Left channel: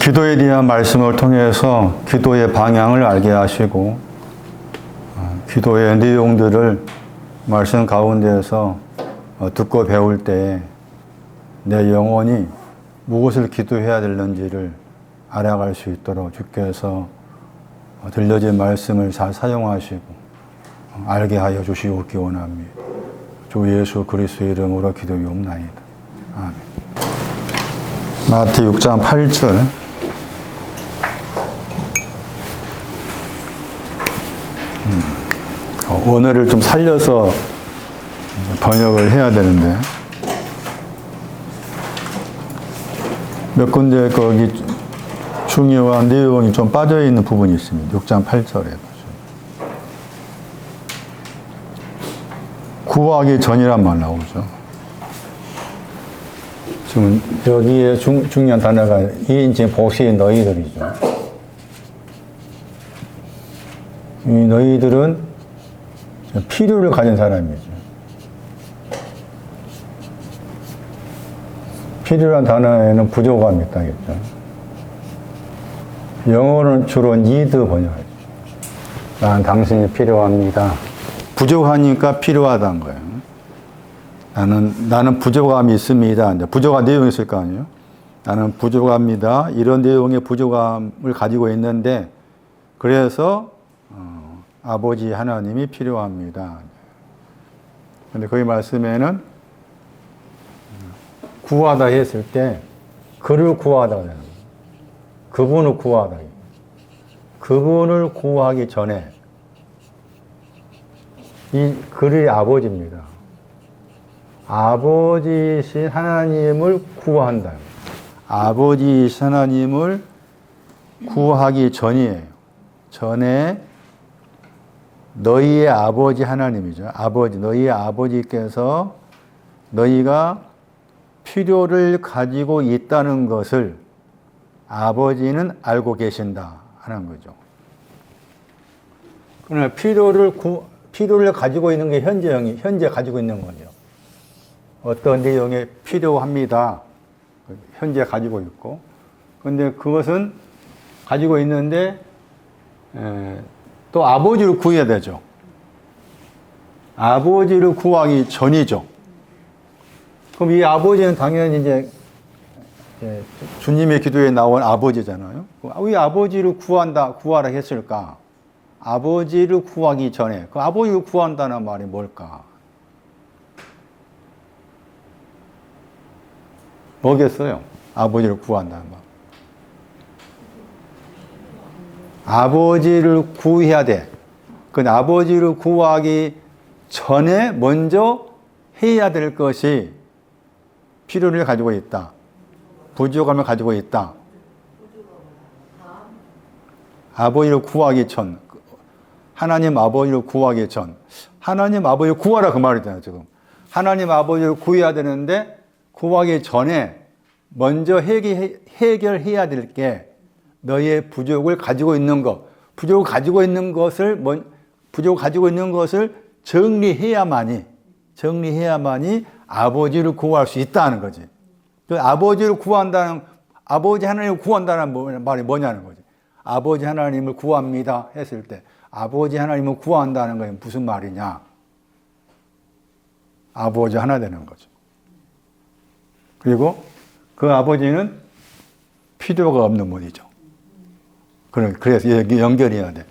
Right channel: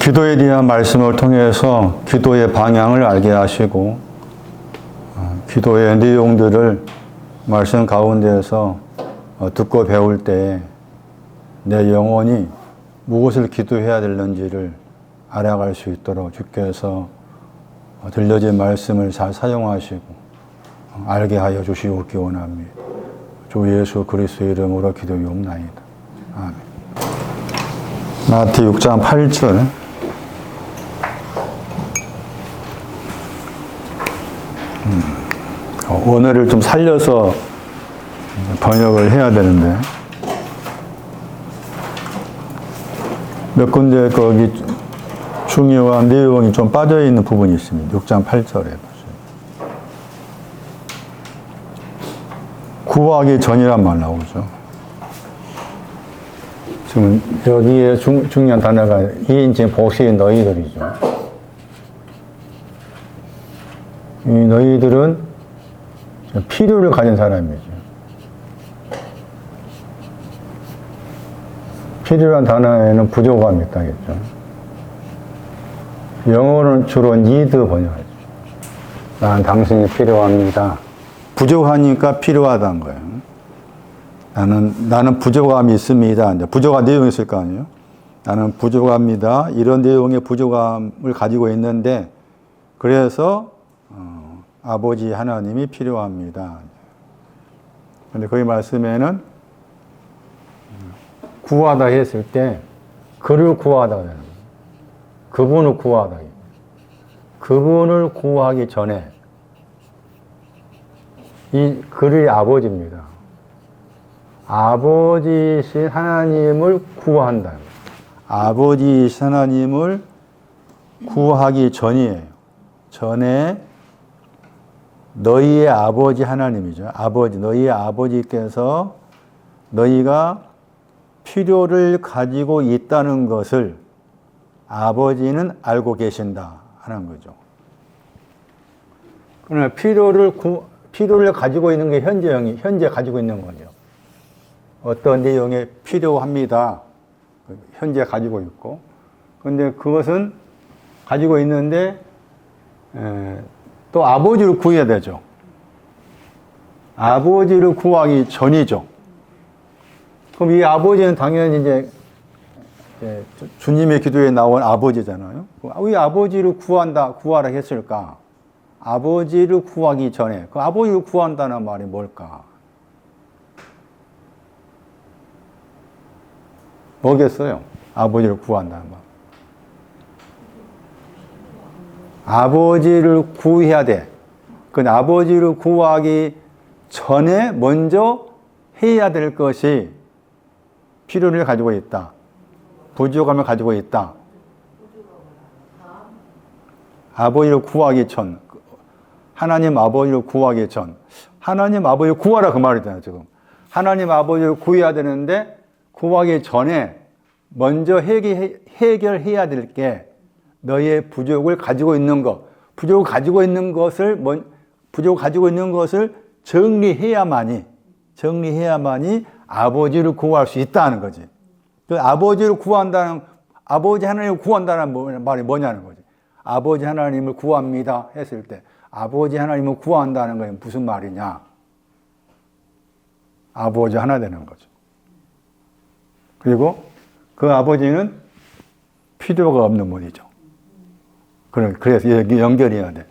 기도에 대한 말씀을 통해서 기도의 방향을 알게 하시고 기도의 내용들을 말씀 가운데에서 듣고 배울 때 내 영혼이 무엇을 기도해야 되는지를 알아갈 수 있도록 주께서 들려진 말씀을 잘 사용하시고 알게 하여 주시옵기 원합니다. 주 예수 그리스도의 이름으로 기도하옵나이다. 아멘. 마태 6장 8절. 원어를 좀 살려서 번역을 해야 되는데 몇 군데 거기 중요한 내용이 좀 빠져있는 부분이 있습니다. 6장 8절에 구하기 전이란 말 나오죠. 지금 여기에 중요한 단어가 이인칭 복수의 너희들이죠. 이 너희들은 필요를 가진 사람이죠. 필요한 단어에는 부족함이 있다겠죠. 영어는 주로 need 번역하죠. 난 당신이 필요합니다. 부족하니까 필요하다는 거예요. 나는 부족함이 있습니다. 부족한 내용이 있을 거 아니에요? 나는 부족합니다. 이런 내용의 부족함을 가지고 있는데, 그래서, 아버지 하나님이 필요합니다. 근데 거기 말씀에는 구하다 했을 때, 그를 구하다. 그분을 구하다. 그분을 구하기 전에, 그의 아버지입니다. 아버지이신 하나님을 구한다. 아버지이신 하나님을 구하기 전이에요. 전에 너희의 아버지 하나님이죠. 아버지, 너희의 아버지께서 너희가 필요를 가지고 있다는 것을 아버지는 알고 계신다 하는 거죠. 그러나 필요를 가지고 있는 게 현재 가지고 있는 거죠. 어떤 내용에 필요합니다. 현재 가지고 있고. 근데 그것은 가지고 있는데, 또 아버지를 구해야 되죠. 아버지를 구하기 전이죠. 그럼 이 아버지는 당연히 이제 주님의 기도에 나온 아버지잖아요. 왜 아버지를 구하라 했을까? 아버지를 구하기 전에, 그 아버지를 구한다는 말이 뭘까? 뭐겠어요? 아버지를 구한다는 말. 아버지를 구해야 돼. 그 아버지를 구하기 전에 먼저 해야 될 것이 필요를 가지고 있다. 부족함을 가지고 있다. 아버지를 구하기 전. 하나님 아버지를 구하기 전. 하나님 아버지를 구하라 그 말이잖아요, 지금. 하나님 아버지를 구해야 되는데, 구하기 전에 먼저 해결해야 될 게 너의 부족을 가지고 있는 것, 부족을 가지고 있는 것을 정리해야만이 아버지를 구할 수 있다는 거지. 그 아버지 하나님을 구한다는 말이 뭐냐는 거지. 아버지 하나님을 구합니다 했을 때 아버지 하나님을 구한다는 건 무슨 말이냐? 아버지 하나 되는 거죠. 그리고 그 아버지는 필요가 없는 분이죠. 그래서 연결해야 돼.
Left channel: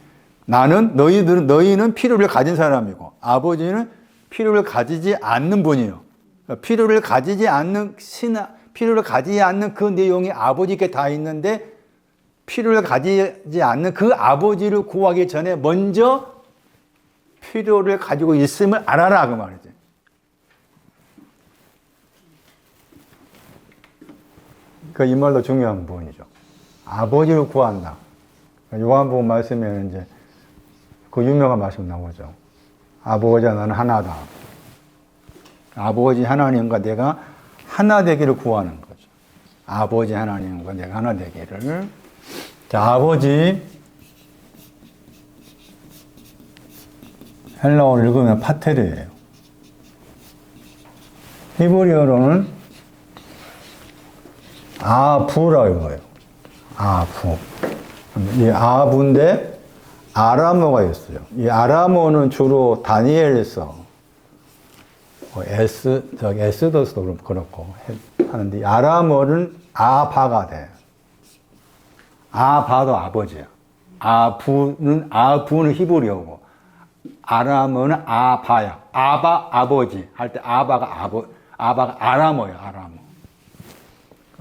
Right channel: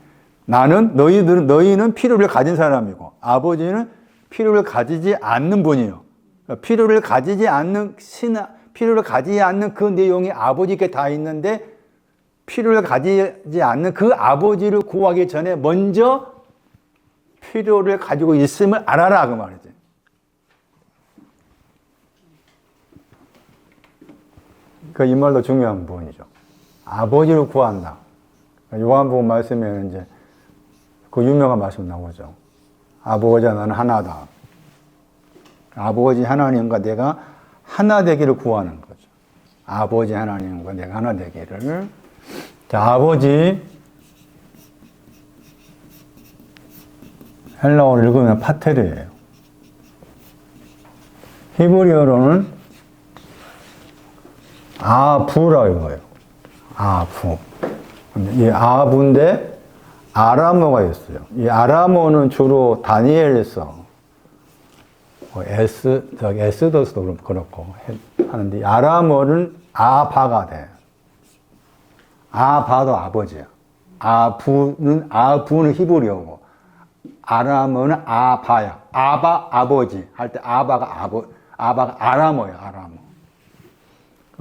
너희는 필요를 가진 사람이고, 아버지는 필요를 가지지 않는 분이요. 필요를 가지지 않는 그 내용이 아버지께 다 있는데, 필요를 가지지 않는 그 아버지를 구하기 전에 먼저 필요를 가지고 있음을 알아라, 그 말이지. 이 말도 중요한 부분이죠. 아버지를 구한다. 요한복음 말씀에는 이제 그 유명한 말씀 나오죠. 아버지와 나는 하나다. 아버지 하나님과 내가 하나 되기를 구하는 거죠. 아버지 하나님과 내가 하나 되기를. 자, 아버지. 헬라어를 읽으면 파테르예요. 히브리어로는 아부라 이거예요. 아부. 이 아부인데 아람어가 있어요. 이 아람어는 주로 다니엘서 에스더스도 그렇고 하는데 이 아람어는 아바가 돼. 아바도 아버지야. 아부는 히브리어고 아람어는 아바야. 아바 아버지 할 때 아바가 아람어야. 아람어.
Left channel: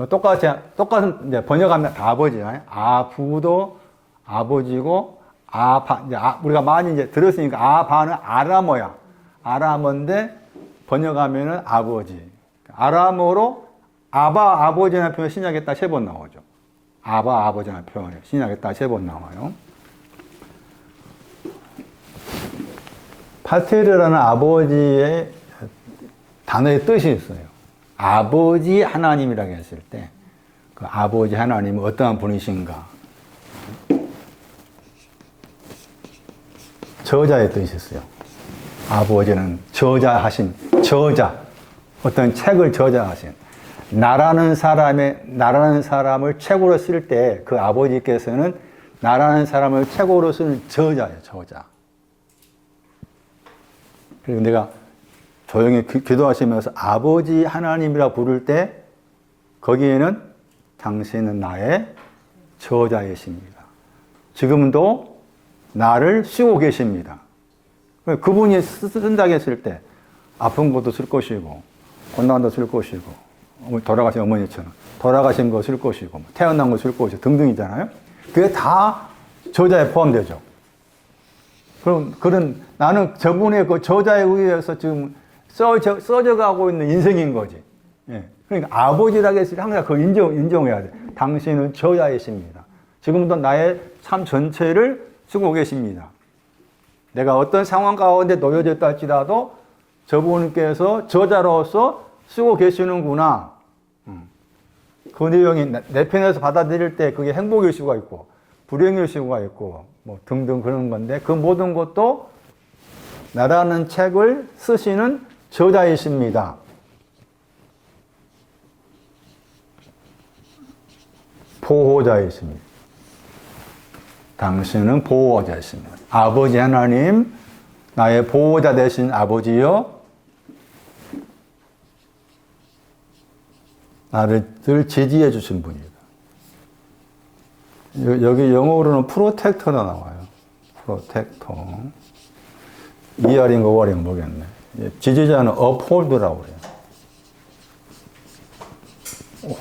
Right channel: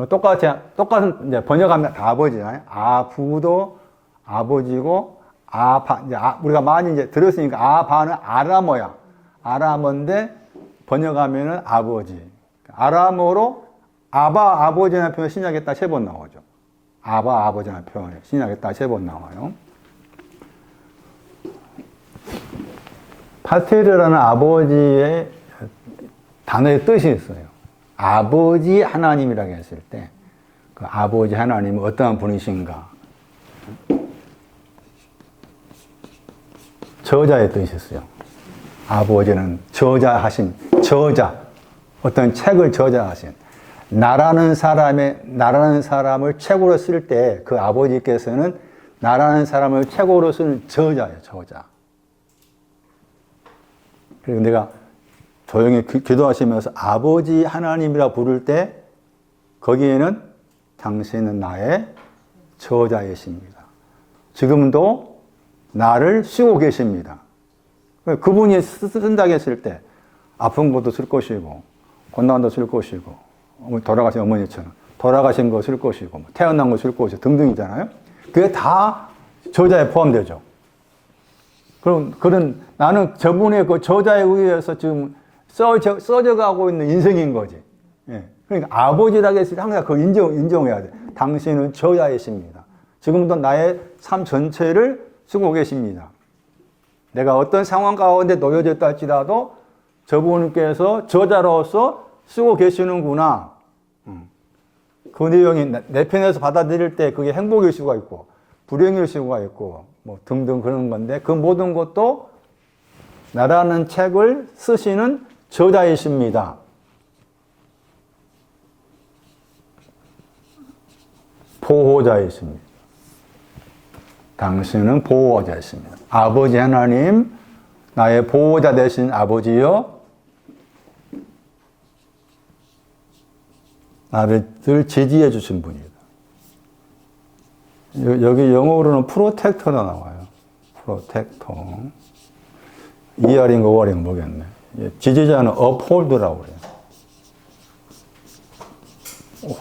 똑같은 이제 번역하면 다 아버지야. 아부도 아버지고 아바 이제 우리가 많이 이제 들었으니까 아바는 아람어야. 아람어인데 번역하면은 아버지. 아람어로 아바 아버지라는 표현 신약에 딱 3번 나오죠. 아바 아버지라는 표현 신약에 딱 3번 나와요. 파테르라는 아버지의 단어의 뜻이 있어요. 아버지 하나님이라고 했을 때 그 아버지 하나님은 어떠한 분이신가? 저자의 뜻이 있어요. 아버지는 저자, 어떤 책을 저자하신, 나라는 사람을 책으로 쓸 때 그 아버지께서는 나라는 사람을 책으로 쓰는 저자예요, 저자. 그리고 내가 조용히 기도하시면서 아버지 하나님이라 부를 때 거기에는 당신은 나의 저자이십니다. 지금도 나를 쓰고 계십니다. 그분이 쓴다고 했을 때 아픈 것도 쓸 것이고 고난도 쓸 것이고 돌아가신 어머니처럼 돌아가신 거 쓸 것이고 태어난 거 쓸 것이고 등등이잖아요. 그게 다 저자에 포함되죠. 그런 나는 저분의 그 저자에 의해서 지금 써져가고 있는 인생인 거지. 예. 그러니까 아버지라고 했을 때 항상 그걸 인정해야 돼. 당신은 저자이십니다. 지금도 나의 삶 전체를 쓰고 계십니다. 내가 어떤 상황 가운데 놓여졌다 할지라도 저분께서 저자로서 쓰고 계시는구나. 그 내용이 내 편에서 받아들일 때 그게 행복일 수가 있고 불행일 수가 있고 뭐 등등 그런 건데 그 모든 것도 나라는 책을 쓰시는 저자이십니다. 보호자이십니다. 당신은 보호자이십니다. 아버지 하나님, 나의 보호자 되신 아버지여, 나를 늘 지지해 주신 분이다. 여기 영어로는 프로텍터가 나와요. 프로텍터. ER인가 OR인가 모르겠네. 지지자는 uphold라고 그래요.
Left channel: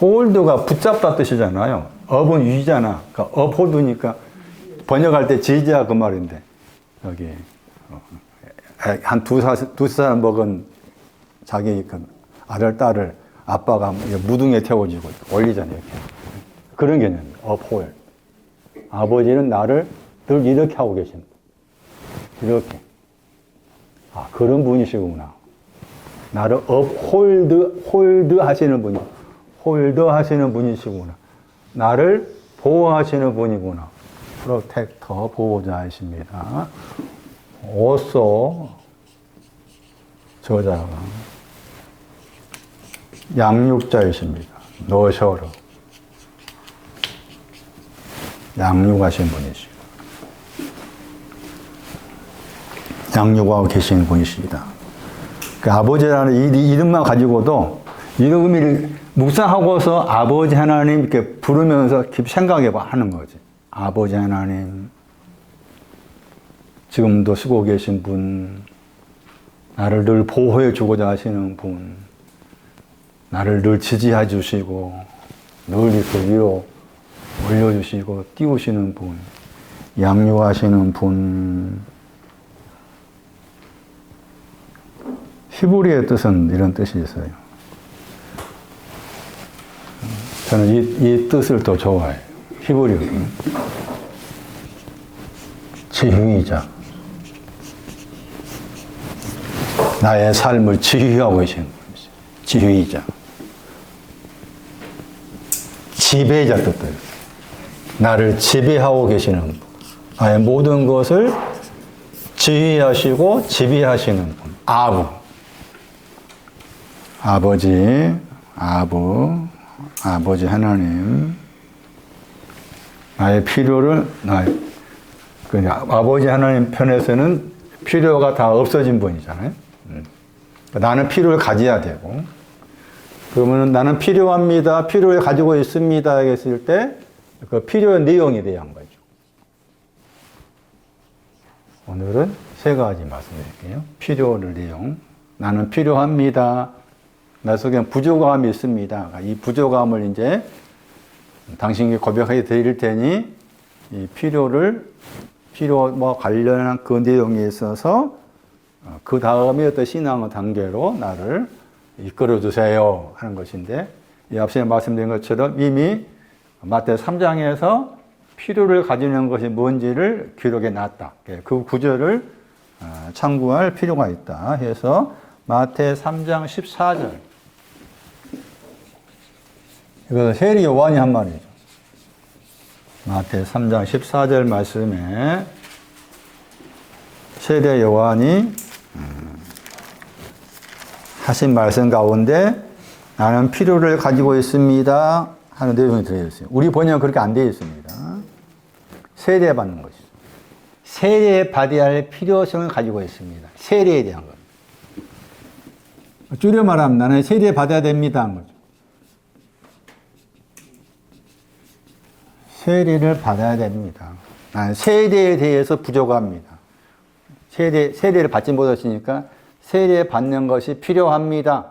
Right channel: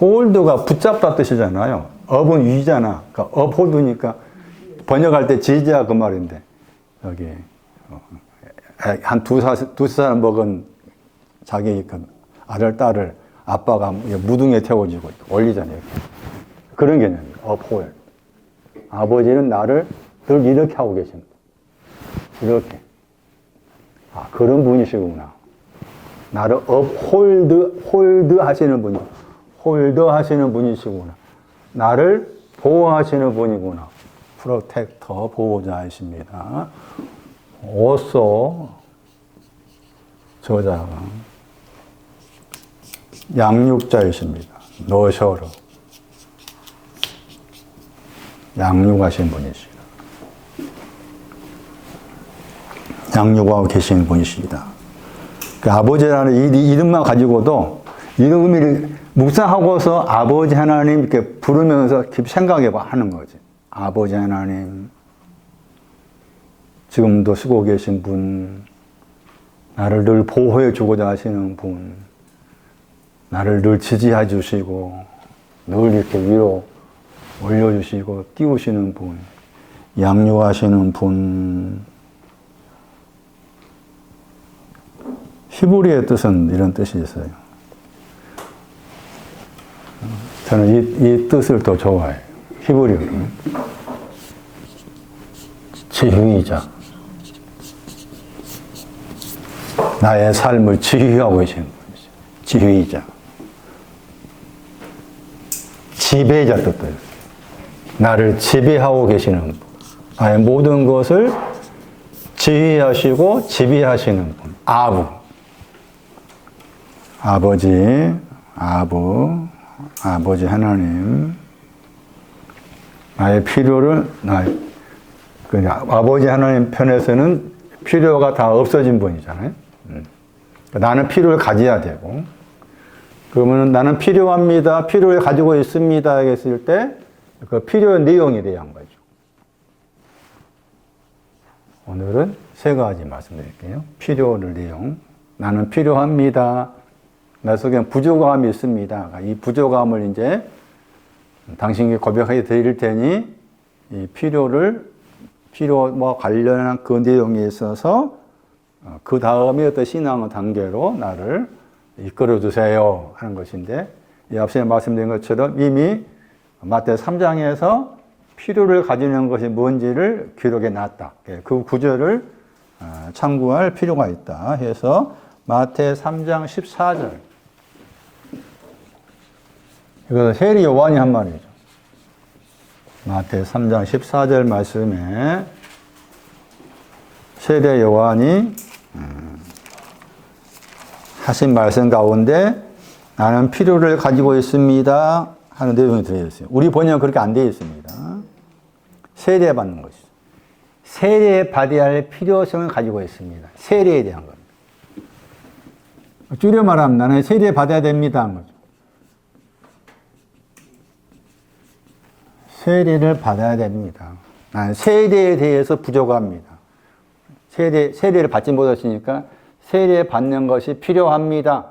hold가 붙잡다 뜻이잖아요. up은 위잖아. 그러니까 uphold니까 번역할 때 지지자 그 말인데 여기 한 두 살 먹은 자기 아들 딸을 아빠가 무등에 태워주고 올리잖아요. 그런 개념이에요. uphold. 아버지는 나를 늘 이렇게 하고 계십니다. 이렇게. 아, 그런 분이시구나. 나를 홀드 하시는 분이, 홀드 하시는 분이시구나. 나를 보호하시는 분이구나. 프로텍터, 보호자이십니다. 오소, 저자가. 양육자이십니다. 노셔로. 양육하신 분이시다. 양육하고 계신 분이십니다. 그 아버지라는 이름만 가지고도 이름을 묵상하고서 아버지 하나님 이렇게 부르면서 깊이 생각해 하는 거지. 아버지 하나님, 지금도 쓰고 계신 분, 나를 늘 보호해 주고자 하시는 분, 나를 늘 지지해 주시고, 늘 이렇게 위로 올려주시고, 띄우시는 분, 양육하시는 분. 히브리의 뜻은 이런 뜻이 있어요. 저는 이 뜻을 더 좋아해요. 히브리어는. 지휘자. 나의 삶을 지휘하고 계신 분이죠. 지휘자. 지배자 뜻도 있어요. 나를 지배하고 계시는 분. 나의 모든 것을 지휘하시고 지배하시는 분. 아부. 아버지 하나님, 나의 필요를, 아버지 하나님 편에서는 필요가 다 없어진 분이잖아요. 나는 필요를 가져야 되고, 그러면 나는 필요합니다, 필요를 가지고 있습니다 했을 때 그 필요의 내용에 대한 거죠. 오늘은 세 가지 말씀드릴게요. 필요의 내용, 나는 필요합니다, 나 속에 부족함이 있습니다. 이 부족함을 이제 당신에게 고백해 드릴 테니 이 필요와 관련한 그 내용에 있어서 그 다음에 어떤 신앙의 단계로 나를 이끌어 주세요 하는 것인데, 이 앞서 말씀드린 것처럼 이미 마태 3장에서 필요를 가지는 것이 뭔지를 기록해 놨다. 그 구절을 참고할 필요가 있다 해서 마태 3장 14절, 이것은 세례 요한이 한 말이죠. 마태 3장 14절 말씀에 세례 요한이 하신 말씀 가운데 나는 필요를 가지고 있습니다 하는 내용이 들어있어요. 우리 번역은 그렇게 안 되어 있습니다. 세례 받는 것이죠. 세례 받아야 할 필요성을 가지고 있습니다. 세례에 대한 겁니다. 줄여 말하면 나는 세례 받아야 됩니다 하는 거죠. 세례를 받아야 됩니다. 나는 세례에 대해서 부족합니다. 세례를 받지 못했으니까 세례 받는 것이 필요합니다.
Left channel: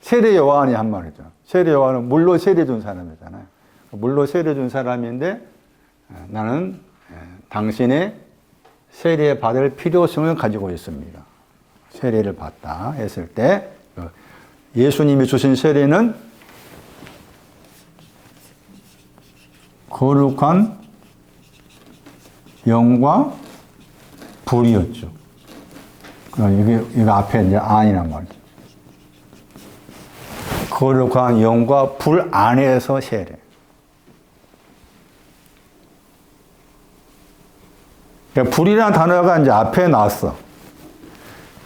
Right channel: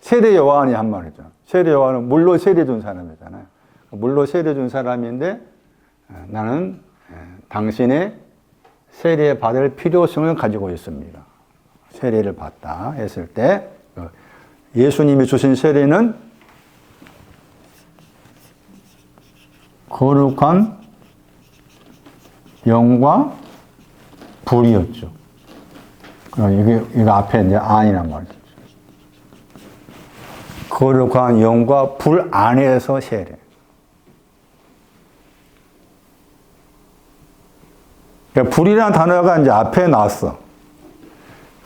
세례 요한이 한 말이죠. 세례 요한은 물로 세례 준 사람이잖아요. 물로 세례 준 사람인데 나는 당신의 세례 받을 필요성을 가지고 있습니다. 세례를 받다 했을 때 예수님이 주신 세례는 거룩한 영과 불이었죠. 이거 앞에 이제 안이란 말이죠. 거룩한 영과 불 안에서 세례. 그러니까 불이라는 단어가 이제 앞에 나왔어.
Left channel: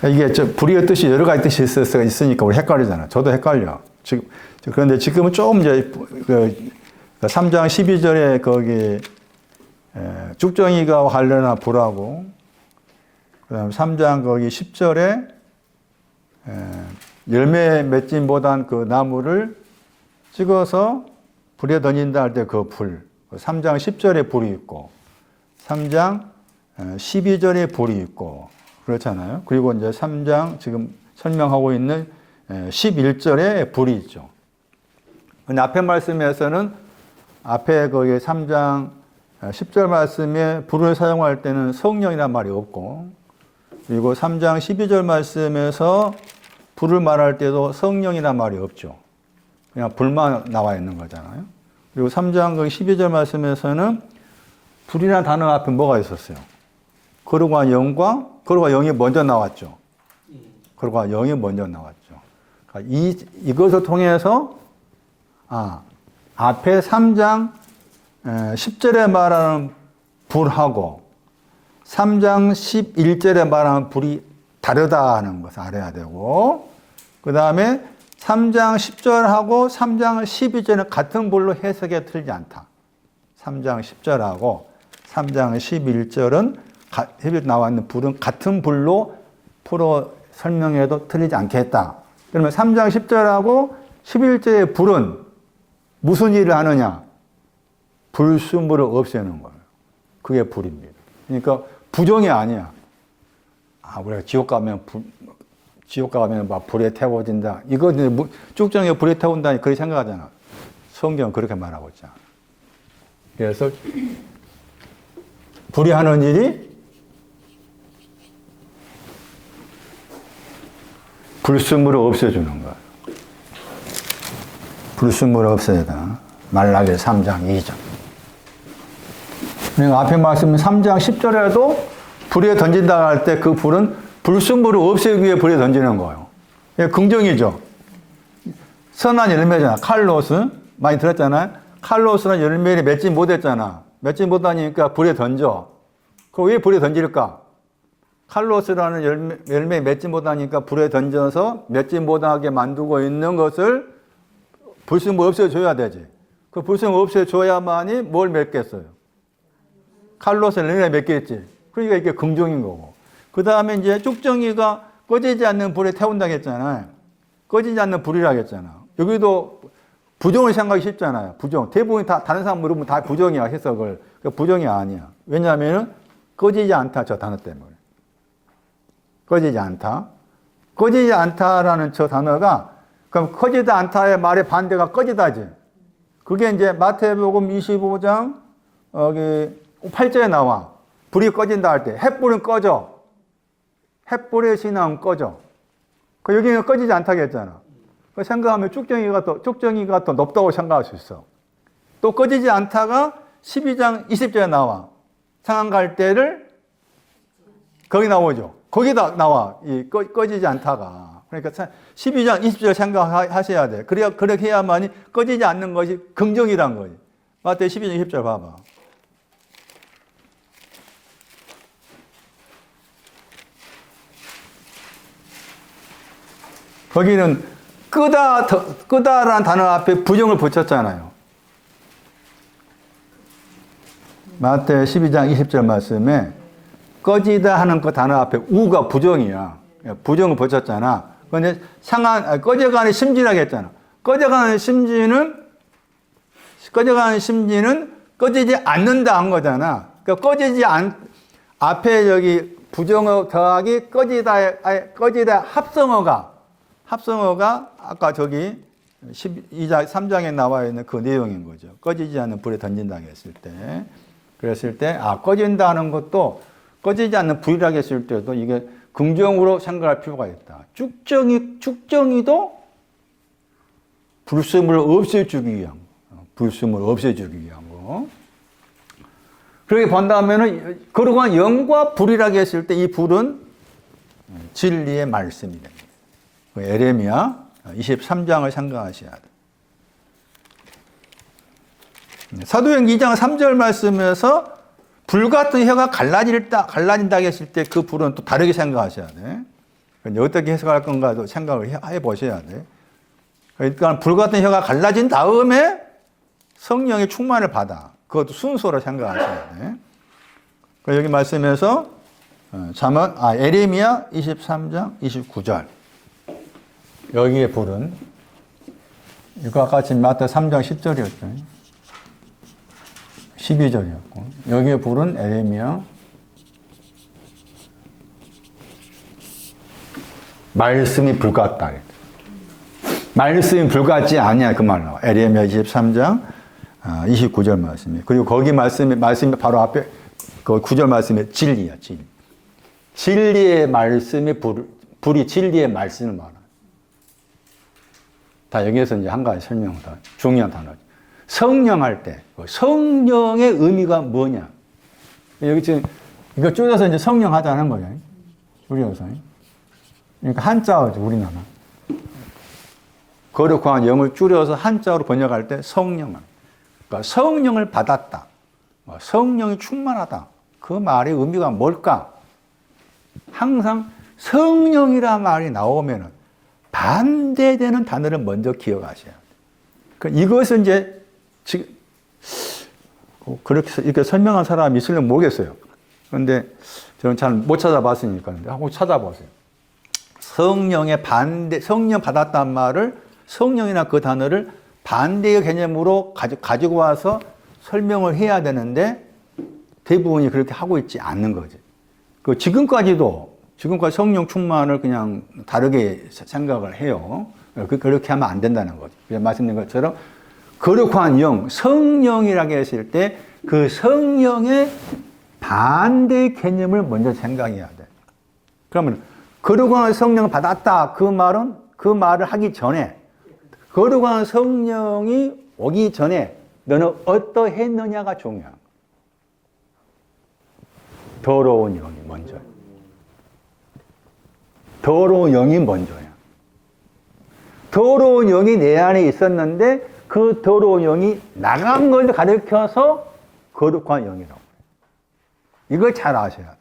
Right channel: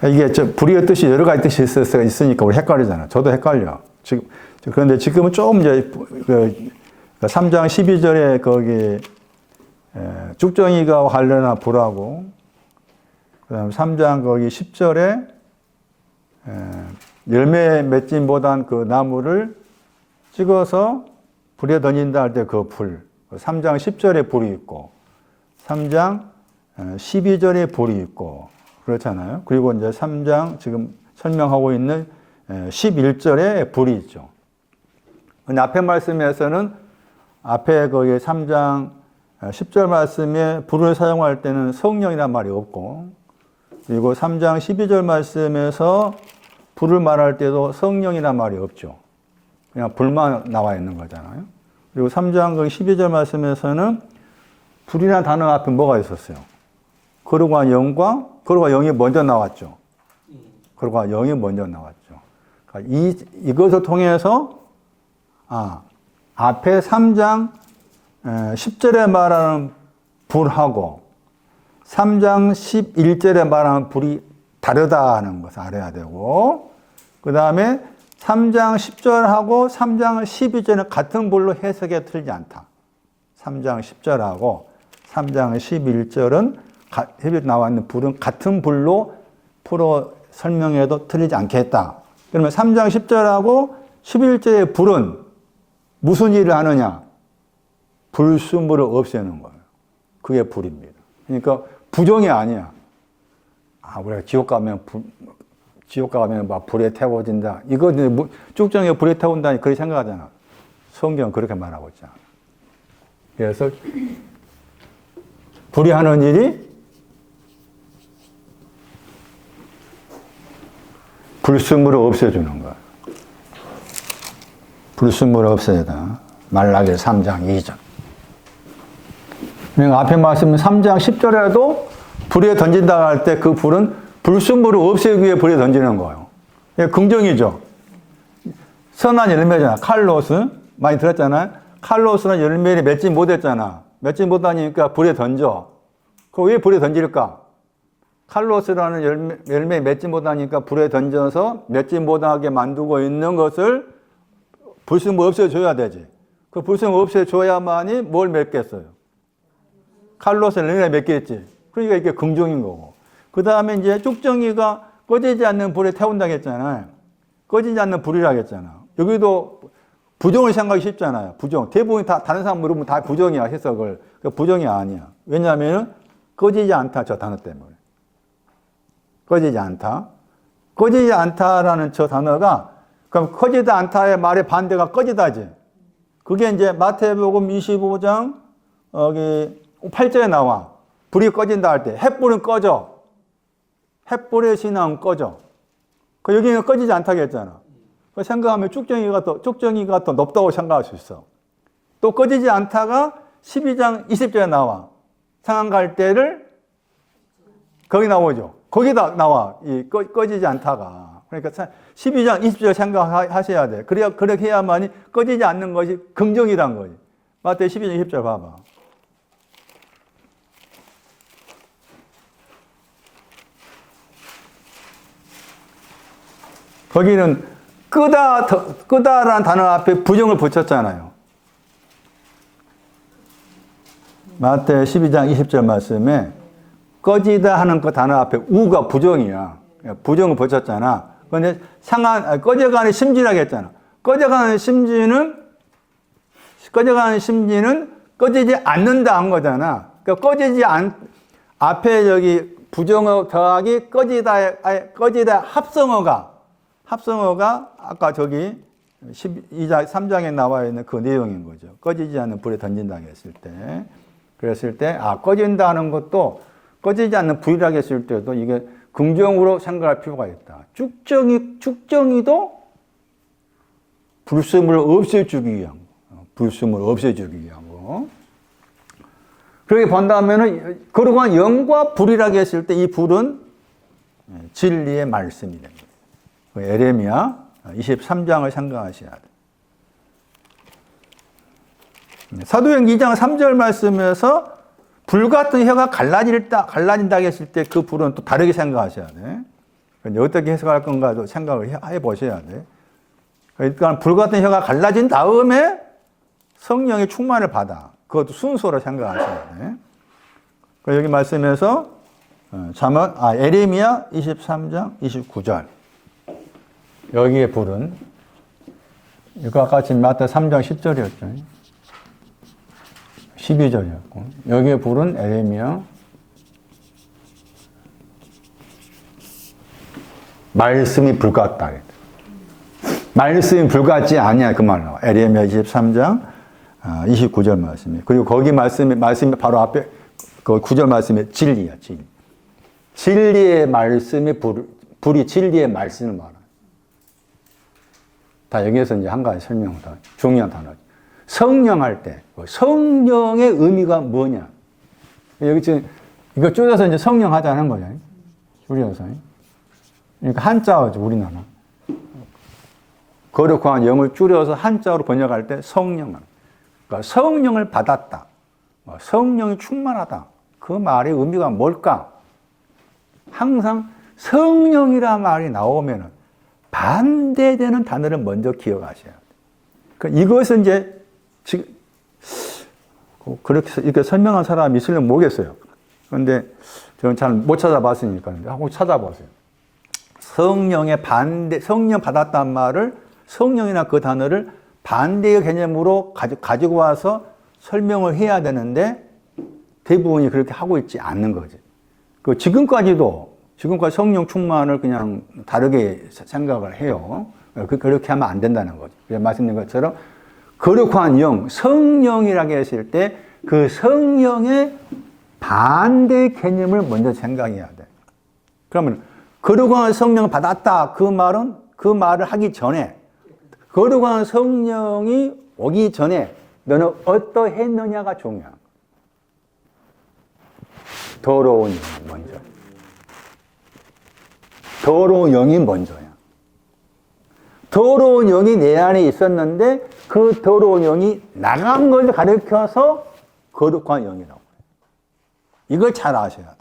이게 불의 뜻이 여러 가지 뜻이 있으니까 우리 헷갈리잖아. 저도 헷갈려. 그런데 지금은 조금 이제 3장 12절에 거기 쭉정이가 관련한 불하고, 그다음 3장 거기 10절에 열매 맺지 못한 그 나무를 찍어서 불에 던진다 할 때 그 불. 3장 10절에 불이 있고 3장 12절에 불이 있고 그렇잖아요. 그리고 이제 3장 지금 설명하고 있는 11절에 불이 있죠. 근데 앞에 말씀에서는 앞에 거기 3장 10절 말씀에 불을 사용할 때는 성령이란 말이 없고, 그리고 3장 12절 말씀에서 불을 말할 때도 성령이란 말이 없죠. 그냥 불만 나와 있는 거잖아요. 그리고 3장 12절 말씀에서는 불이라는 단어 앞에 뭐가 있었어요? 거룩한 영과 거룩한 영이 먼저 나왔죠. 거룩한 영이 먼저 나왔죠. 그러니까 이것을 통해서 앞에 3장 10절에 말하는 불하고 3장 11절에 말하는 불이 다르다는 것을 알아야 되고, 그 다음에 3장 10절하고 3장 12절은 같은 불로 해석에 틀리지 않다. 3장 10절하고 3장 11절은 해변에 나와 있는 불은 같은 불로 풀어 설명해도 틀리지 않겠다. 그러면 3장 10절하고 11절의 불은 무슨 일을 하느냐? 불순물을 없애는 거예요. 그게 불입니다. 그러니까 부정이 아니야. 우리가 지옥 가면 막 불에 태워진다. 이거 쭉정에 불에 태운다니 그렇게 생각하잖아. 성경은 그렇게 말하고 있잖아. 그래서 불이 하는 일이 불순물을 없애주는 거야. 불순물을 없애다. 말라기 3장 2절. 그러니까 앞에 말씀은 3장 10절에도 불에 던진다 할 때 그 불은 불순물을 없애기 위해 불에 던지는 거예요. 긍정이죠. 선한 열매잖아. 칼로스. 많이 들었잖아요. 칼로스는 열매를 맺지 못했잖아. 맺지 못하니까 불에 던져. 그럼 왜 불에 던질까? 칼로스라는 열매 맺지 못하니까 불에 던져서 맺지 못하게 만들고 있는 것을 불순물 없애줘야 되지. 그 불성을 없애줘야만이 뭘 맺겠어요? 칼로스를 내가 맺겠지. 그러니까 이게 긍정인 거고. 그 다음에 이제 쭉정이가 꺼지지 않는 불에 태운다고 했잖아요. 꺼지지 않는 불이라고 했잖아. 여기도 부정을 생각하기 쉽잖아요. 부정. 대부분 다, 다른 사람 물으면 다 부정이야, 해석을. 부정이 아니야. 왜냐하면 꺼지지 않다, 저 단어 때문에. 꺼지지 않다. 꺼지지 않다라는 저 단어가, 그럼 꺼지지 않다의 말의 반대가 꺼지다지. 그게 이제 마태복음 25장, 8절에 나와. 불이 꺼진다 할 때, 햇불은 꺼져. 햇불의 신앙은 꺼져. 여기는 꺼지지 않다고 했잖아. 그 생각하면 쭉정이가 더 높다고 생각할 수 있어. 또 꺼지지 않다가 12장 20절에 나와. 상한 갈대를 거기 나오죠. 거기다 나와. 이 꺼지지 않다가. 그러니까 12장 20절 생각하셔야 돼. 그렇게 해야만이 꺼지지 않는 것이 긍정이란 거지. 마태 12장 20절 봐봐. 거기는 끄다라는 단어 앞에 부정을 붙였잖아요. 마태 12장 20절 말씀에 꺼지다 하는 그 단어 앞에 우가 부정이야. 부정을 붙였잖아. 그런데 꺼져가는 심지라고 했잖아. 꺼져가는 심지는 꺼지지 않는다 한 거잖아. 앞에 여기 부정어 더하기 꺼지다 합성어가 아까 저기 12장 3장에 나와 있는 그 내용인 거죠. 꺼지지 않는 불에 던진다고 했을 때. 그랬을 때 꺼진다는 것도 꺼지지 않는 불이라고 했을 때도 이게 긍정으로 생각할 필요가 있다. 쭉정이도 불순물을 없애주기 위한 거. 그렇게 본다면은 그러한 영과 불이라고 했을 때 이 불은 진리의 말씀이 됩니다. 에레미야 23장을 생각하셔야 돼. 사도행 2장 3절 말씀에서 불 같은 혀가 갈라진다 했을 때 그 불은 또 다르게 생각하셔야 돼. 어떻게 해석할 건가도 생각을 해 보셔야 돼. 그러니까 불 같은 혀가 갈라진 다음에 성령의 충만을 받아. 그것도 순서로 생각하셔야 돼. 여기 말씀에서 에레미야 23장 29절. 여기에 불은 이거 같이 마태 3장 10절이었죠. 12절이었고 여기에 불은 에레미야 말씀이 불 같다. 말씀이 불 같지 아니야 그 말로. 에레미야 23장 29절 말씀이. 그리고 거기 말씀이 바로 앞에 그 9절 말씀이 진리야. 진리의 말씀이 불이 진리의 말씀을 말하. 다 여기에서 이제 한 가지 설명을 더 중요한 단어죠. 성령할 때 성령의 의미가 뭐냐? 여기 지금 이거 줄여서 이제 성령 하자는 거죠. 줄여서. 그러니까 한자어죠 우리나라. 거룩한 영을 줄여서 한자어로 번역할 때 성령. 그러니까 성령을 받았다. 성령이 충만하다. 그 말의 의미가 뭘까? 항상 성령이라는 말이 나오면은 반대되는 단어를 먼저 기억하셔야 돼요. 그러니까 이것은 이제 지금 그렇게 이렇게 설명한 사람이 있으려면 모르겠어요. 그런데 저는 잘 못 찾아봤으니까 한번 찾아보세요. 성령 받았단 말을 성령이나 그 단어를 반대의 개념으로 가지고 와서 설명을 해야 되는데 대부분이 그렇게 하고 있지 않는 거지. 지금까지 성령 충만을 그냥 다르게 생각을 해요. 그렇게 하면 안 된다는 거죠. 말씀드린 것처럼 거룩한 영, 성령이라고 했을 때 그 성령의 반대 개념을 먼저 생각해야 돼. 그러면 거룩한 성령 받았다 그 말을 하기 전에 거룩한 성령이 오기 전에 너는 어떠했느냐가 중요한 거야. 더러운 영이 먼저. 더러운 영이 먼저야. 더러운 영이 내 안에 있었는데 그 더러운 영이 나간 걸 가르쳐서 거룩한 영이라고. 이걸 잘 아셔야 돼.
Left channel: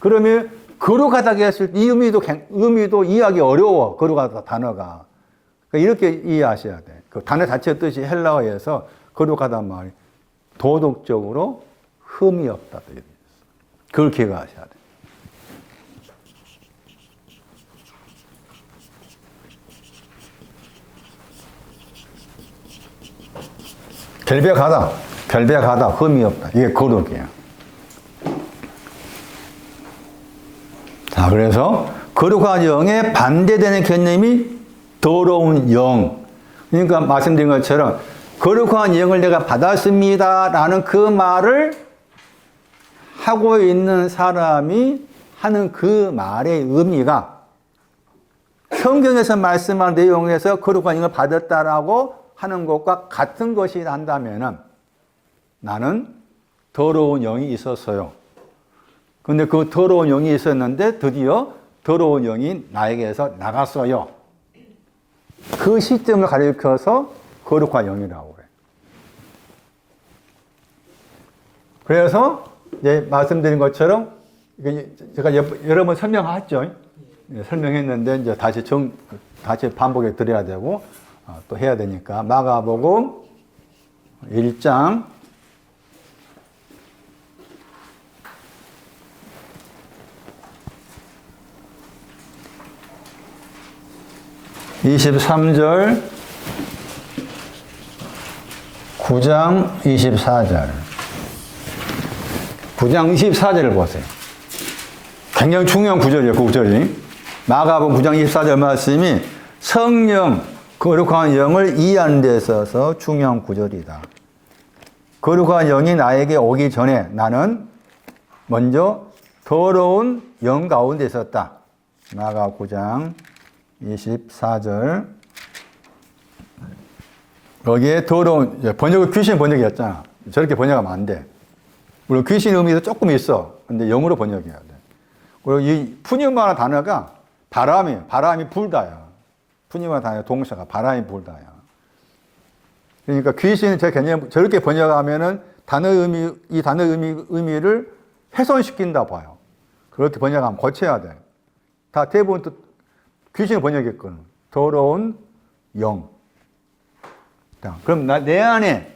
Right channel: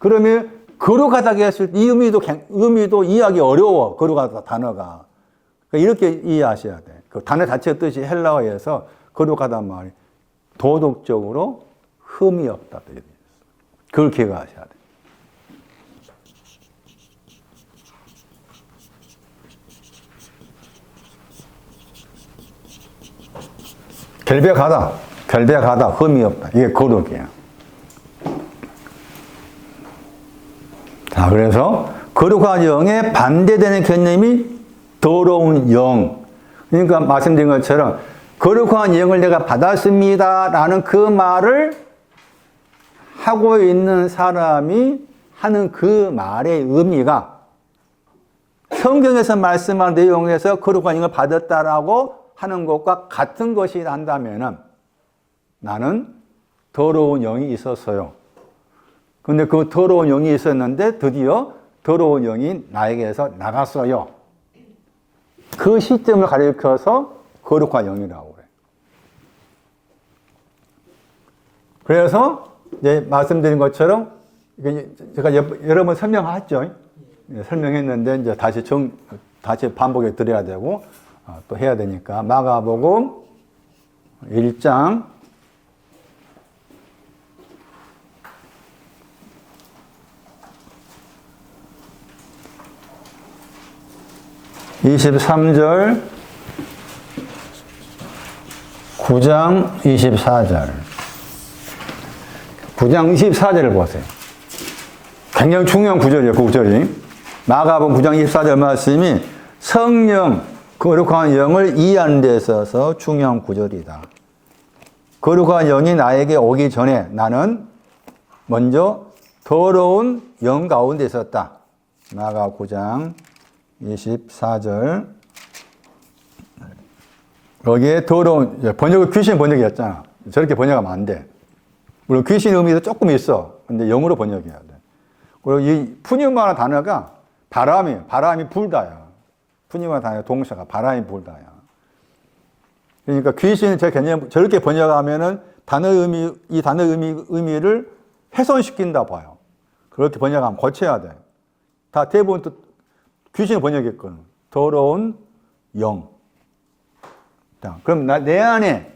그러면 거룩하다고 했을 때 이 의미도 이해하기 어려워. 거룩하다 단어가. 이렇게 이해하셔야 돼. 그 단어 자체의 뜻이 헬라어에서 거룩하단 말이 도덕적으로 흠이 없다. 그걸 기억하셔야 돼요. 결백하다, 흠이 없다. 이게 거룩이에요. 자, 그래서 거룩한 영에 반대되는 개념이 더러운 영. 그러니까 말씀드린 것처럼 거룩한 영을 내가 받았습니다 라는 그 말을 하고 있는 사람이 하는 그 말의 의미가 성경에서 말씀한 내용에서 거룩한 영을 받았다라고 하는 것과 같은 것이 난다면은 나는 더러운 영이 있었어요. 근데 그 더러운 영이 있었는데 드디어 더러운 영이 나에게서 나갔어요. 그 시점을 가리켜서 거룩한 영이라고 해요. 그래서 이제 말씀드린 것처럼 제가 여러 번 설명했죠. 설명했는데 이제 다시 반복해 드려야 되고 또 해야 되니까 마가복음 1장 23절 9장 24절 9장 24절을 보세요. 굉장히 중요한 구절이에요. 그 구절이. 마가복음 9장 24절 말씀이 성령, 거룩한 영을 이해하는 데 있어서 중요한 구절이다. 거룩한 영이 나에게 오기 전에 나는 먼저 더러운 영 가운데 있었다. 마가 9장 24절. 여기에 더러운, 번역은 귀신 번역이었잖아. 저렇게 번역하면 안 돼. 물론 귀신 의미도 조금 있어. 근데 영어로 번역해야 돼. 그리고 이 푸니마라는 단어가 바람이에요. 바람이 불다요. 푸니마 단어 동사가 바람이 불다요. 그러니까 귀신은 제 개념, 저렇게 번역하면은 이 단어 의미를 훼손시킨다 봐요. 그렇게 번역하면 고쳐야 돼. 다 대부분 또 귀신을 번역했거든. 더러운 영. 자, 그럼 내 안에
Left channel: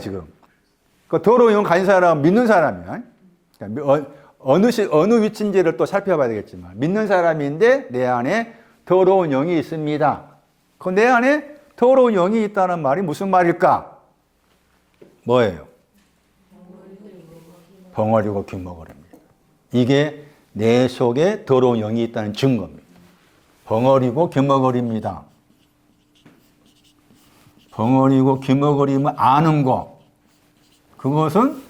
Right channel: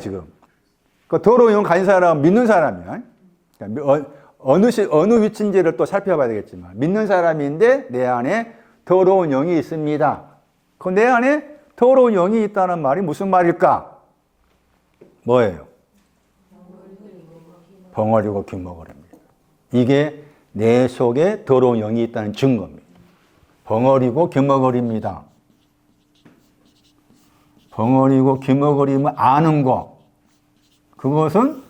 지금. 그 더러운 영 가진 사람은 믿는 사람이야. 어느 위치인지를 또 살펴봐야 되겠지만, 믿는 사람인데 내 안에 더러운 영이 있습니다. 그 내 안에 더러운 영이 있다는 말이 무슨 말일까? 뭐예요? 벙어리고 귀머거리입니다. 이게 내 속에 더러운 영이 있다는 증거입니다. 벙어리고 귀머거리입니다. 벙어리고 귀머거림을 아는 것. 그것은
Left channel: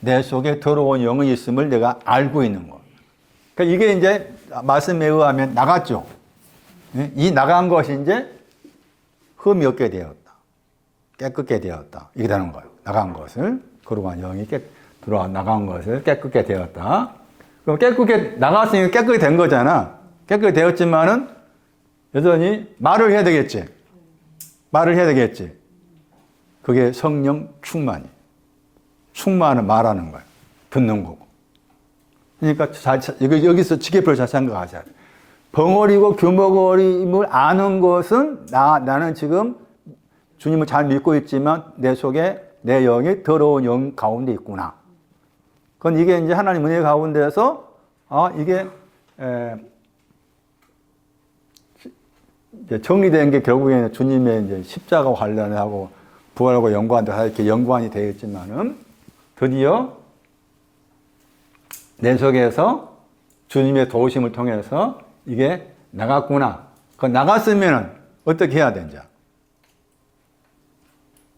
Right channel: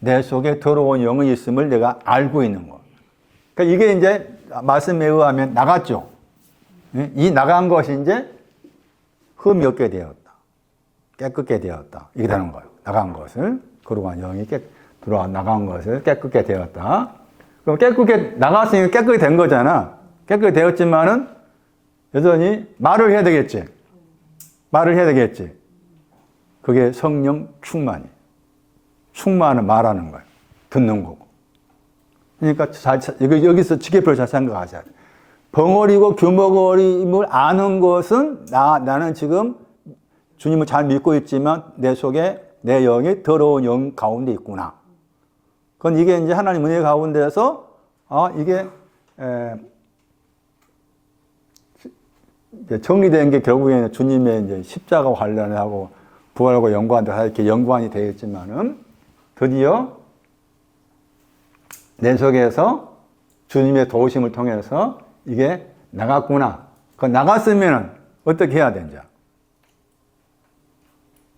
내 속에 더러운 영이 있음을 내가 알고 있는 것. 그러니까 이게 이제 말씀에 의하면 나갔죠. 이 나간 것이 이제 흠이 없게 되었다. 깨끗게 되었다. 이게 되는 거예요. 나간 것을, 거룩한 영이 나간 것을 깨끗게 되었다. 그럼 깨끗게 나갔으니까 깨끗게 된 거잖아. 깨끗게 되었지만은 여전히 말을 해야 되겠지. 그게 성령 충만이. 충만은 말하는 거예요. 듣는 거고. 그러니까 여기서 지게표를 잘 생각하셔야 돼요. 벙어리고 규머거림을 아는 것은 나는 지금 주님을 잘 믿고 있지만 내 속에 내 영이 더러운 영 가운데 있구나. 그건 이게 이제 하나님 은혜 가운데서 이게 정리된 게 결국에는 주님의 이제 십자가 관련하고 부활하고 연관돼 이렇게 연관이 되어 있지만은 드디어 내 속에서 주님의 도우심을 통해서 이게 나갔구나. 그 나갔으면은 어떻게 해야 되는지.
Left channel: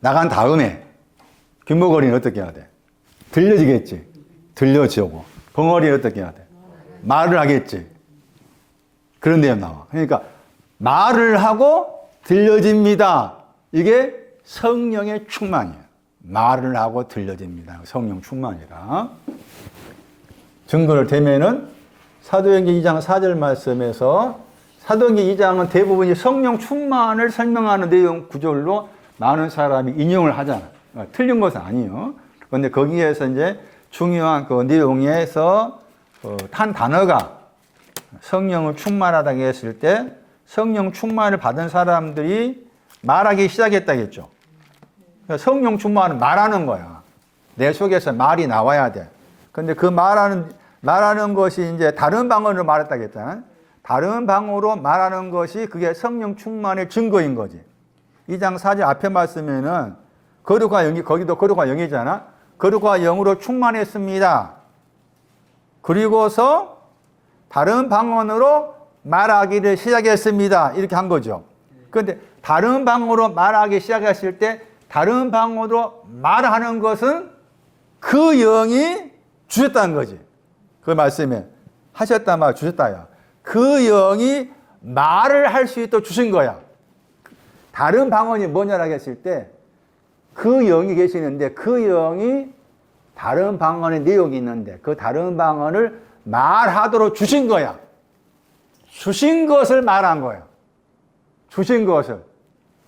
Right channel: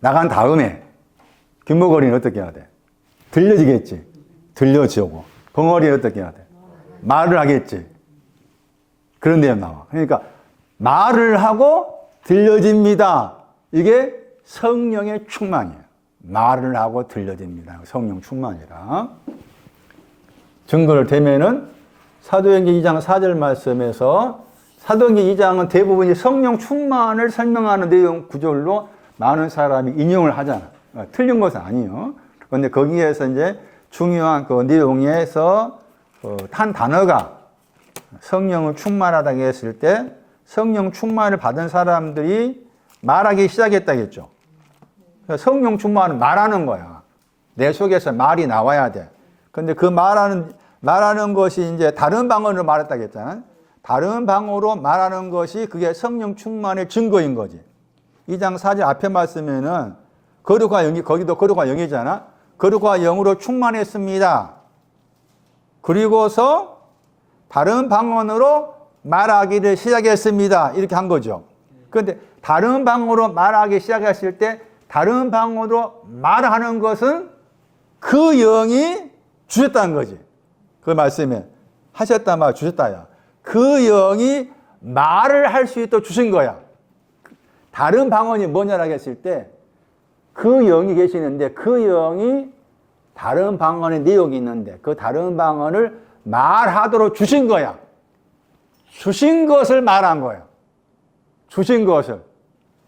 나간 다음에 귀머거리는 어떻게 해야 돼? 들려지겠지. 들려지고. 벙어리는 어떻게 해야 돼? 말을 하겠지. 그런 내용 나와. 그러니까 말을 하고 들려집니다. 이게 성령의 충만이에요. 말을 하고 들려집니다. 성령 충만이라. 증거를 대면은 사도행전 2장 4절 말씀에서 사도행전 2장은 대부분이 성령 충만을 설명하는 내용 구절로 많은 사람이 인용을 하잖아. 틀린 것은 아니에요. 그런데 거기에서 이제 중요한 그 내용에서 한 단어가 성령을 충만하다고 했을 때 성령 충만을 받은 사람들이 말하기 시작했다겠죠. 성령 충만은 말하는 거야. 내 속에서 말이 나와야 돼. 근데 그 말하는 것이 이제 다른 방언으로 말했다겠잖아. 다른 방언으로 말하는 것이 그게 성령 충만의 증거인 거지. 2장 4절 앞에 말씀에는 거룩과 영이, 거기도 거룩과 영이잖아. 거룩과 영으로 충만했습니다. 그리고서 다른 방언으로 말하기를 시작했습니다. 이렇게 한 거죠. 그런데 다른 방언으로 말하기 시작했을 때 다른 방언으로 말하는 것은 그 영이 주셨다는 거지. 그 말씀에 하셨다 말 주셨다야. 그 영이 말을 할 수 있도록 주신 거야. 다른 방언이 뭐냐라고 했을 때 그 영이 계시는데 그 영이 다른 방언의 내용이 있는데 그 다른 방언을 말하도록 주신 거야. 주신 것을 말한 거예요. 주신 것을.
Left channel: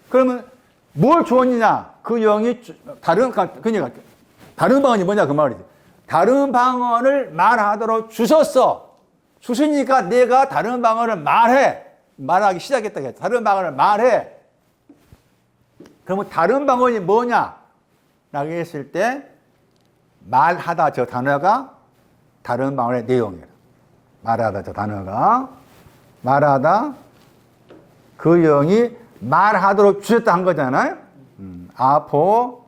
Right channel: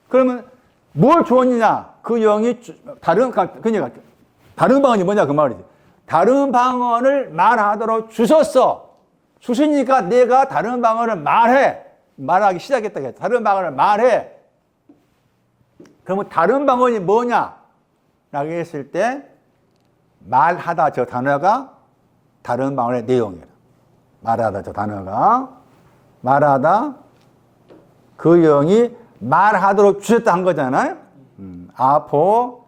그러면 뭘 주었느냐? 그 영이 그러니까 다른 방언이 뭐냐 그 말이지. 다른 방언을 말하도록 주셨어. 주시니까 내가 다른 방언을 말하기 시작했다. 다른 방언을 말해. 그러면 다른 방언이 뭐냐? 라고 했을 때 말하다 저 단어가 다른 방언의 내용이에요. 말하다 저 단어가 말하다 그 영이 말하도록 주셨다 한 거잖아요. 아포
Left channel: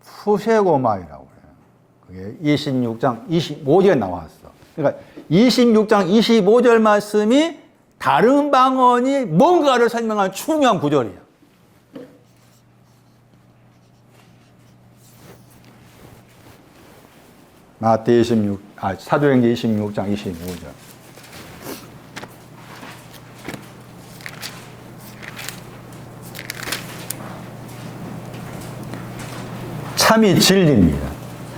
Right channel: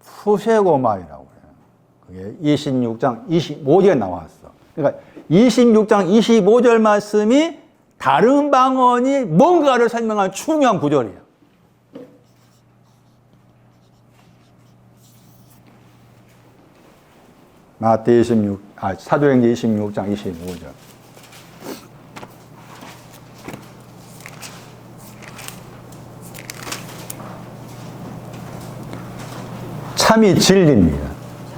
푸세고마이라고 그래요. 그게 26장 25절에 나왔어. 그러니까 26장 25절 말씀이 다른 방언이 뭔가를 설명한 중요한 구절이에요. 사도행전 26장 25절. 참이 진리입니다.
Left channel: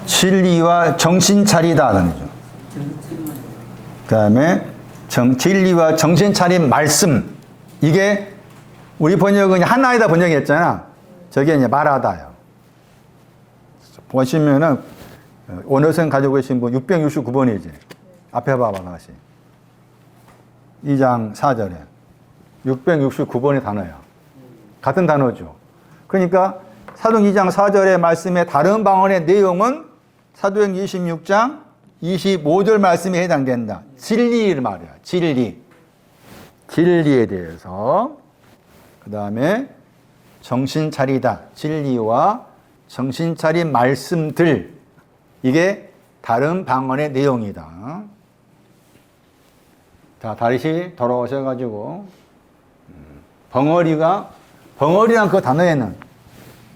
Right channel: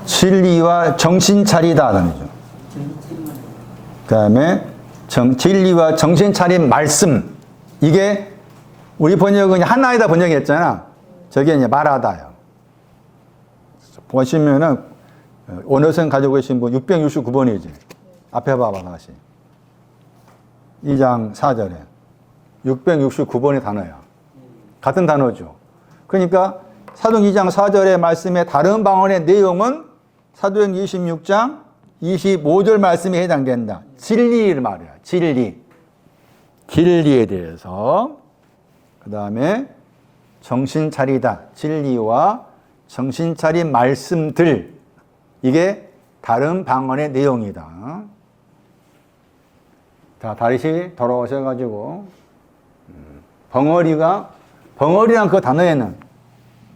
진리와 정신 차리다. 그 다음에 진리와 정신 차린 말씀. 이게 우리 번역은 하나이다 번역했잖아. 저게 이제 말하다요. 보시면은 원어선 가지고 계신 분 669번이지. 앞에 봐봐 다시. 2장 4절에 669번의 단어야. 같은 단어죠. 그러니까 사도행 2장 4절의 말씀의 다른 방언의 내용은 사도행 26장 25절 말씀에 해당된다. 진리를 말이야. 진리. 진리에 대해서. 그 다음에 정신 차리다. 진리와 정신 차린 말씀들. 이게 다른 방언의 내용이다. 자, 다시 돌아오셔가지고 벙어리란 그 단어에는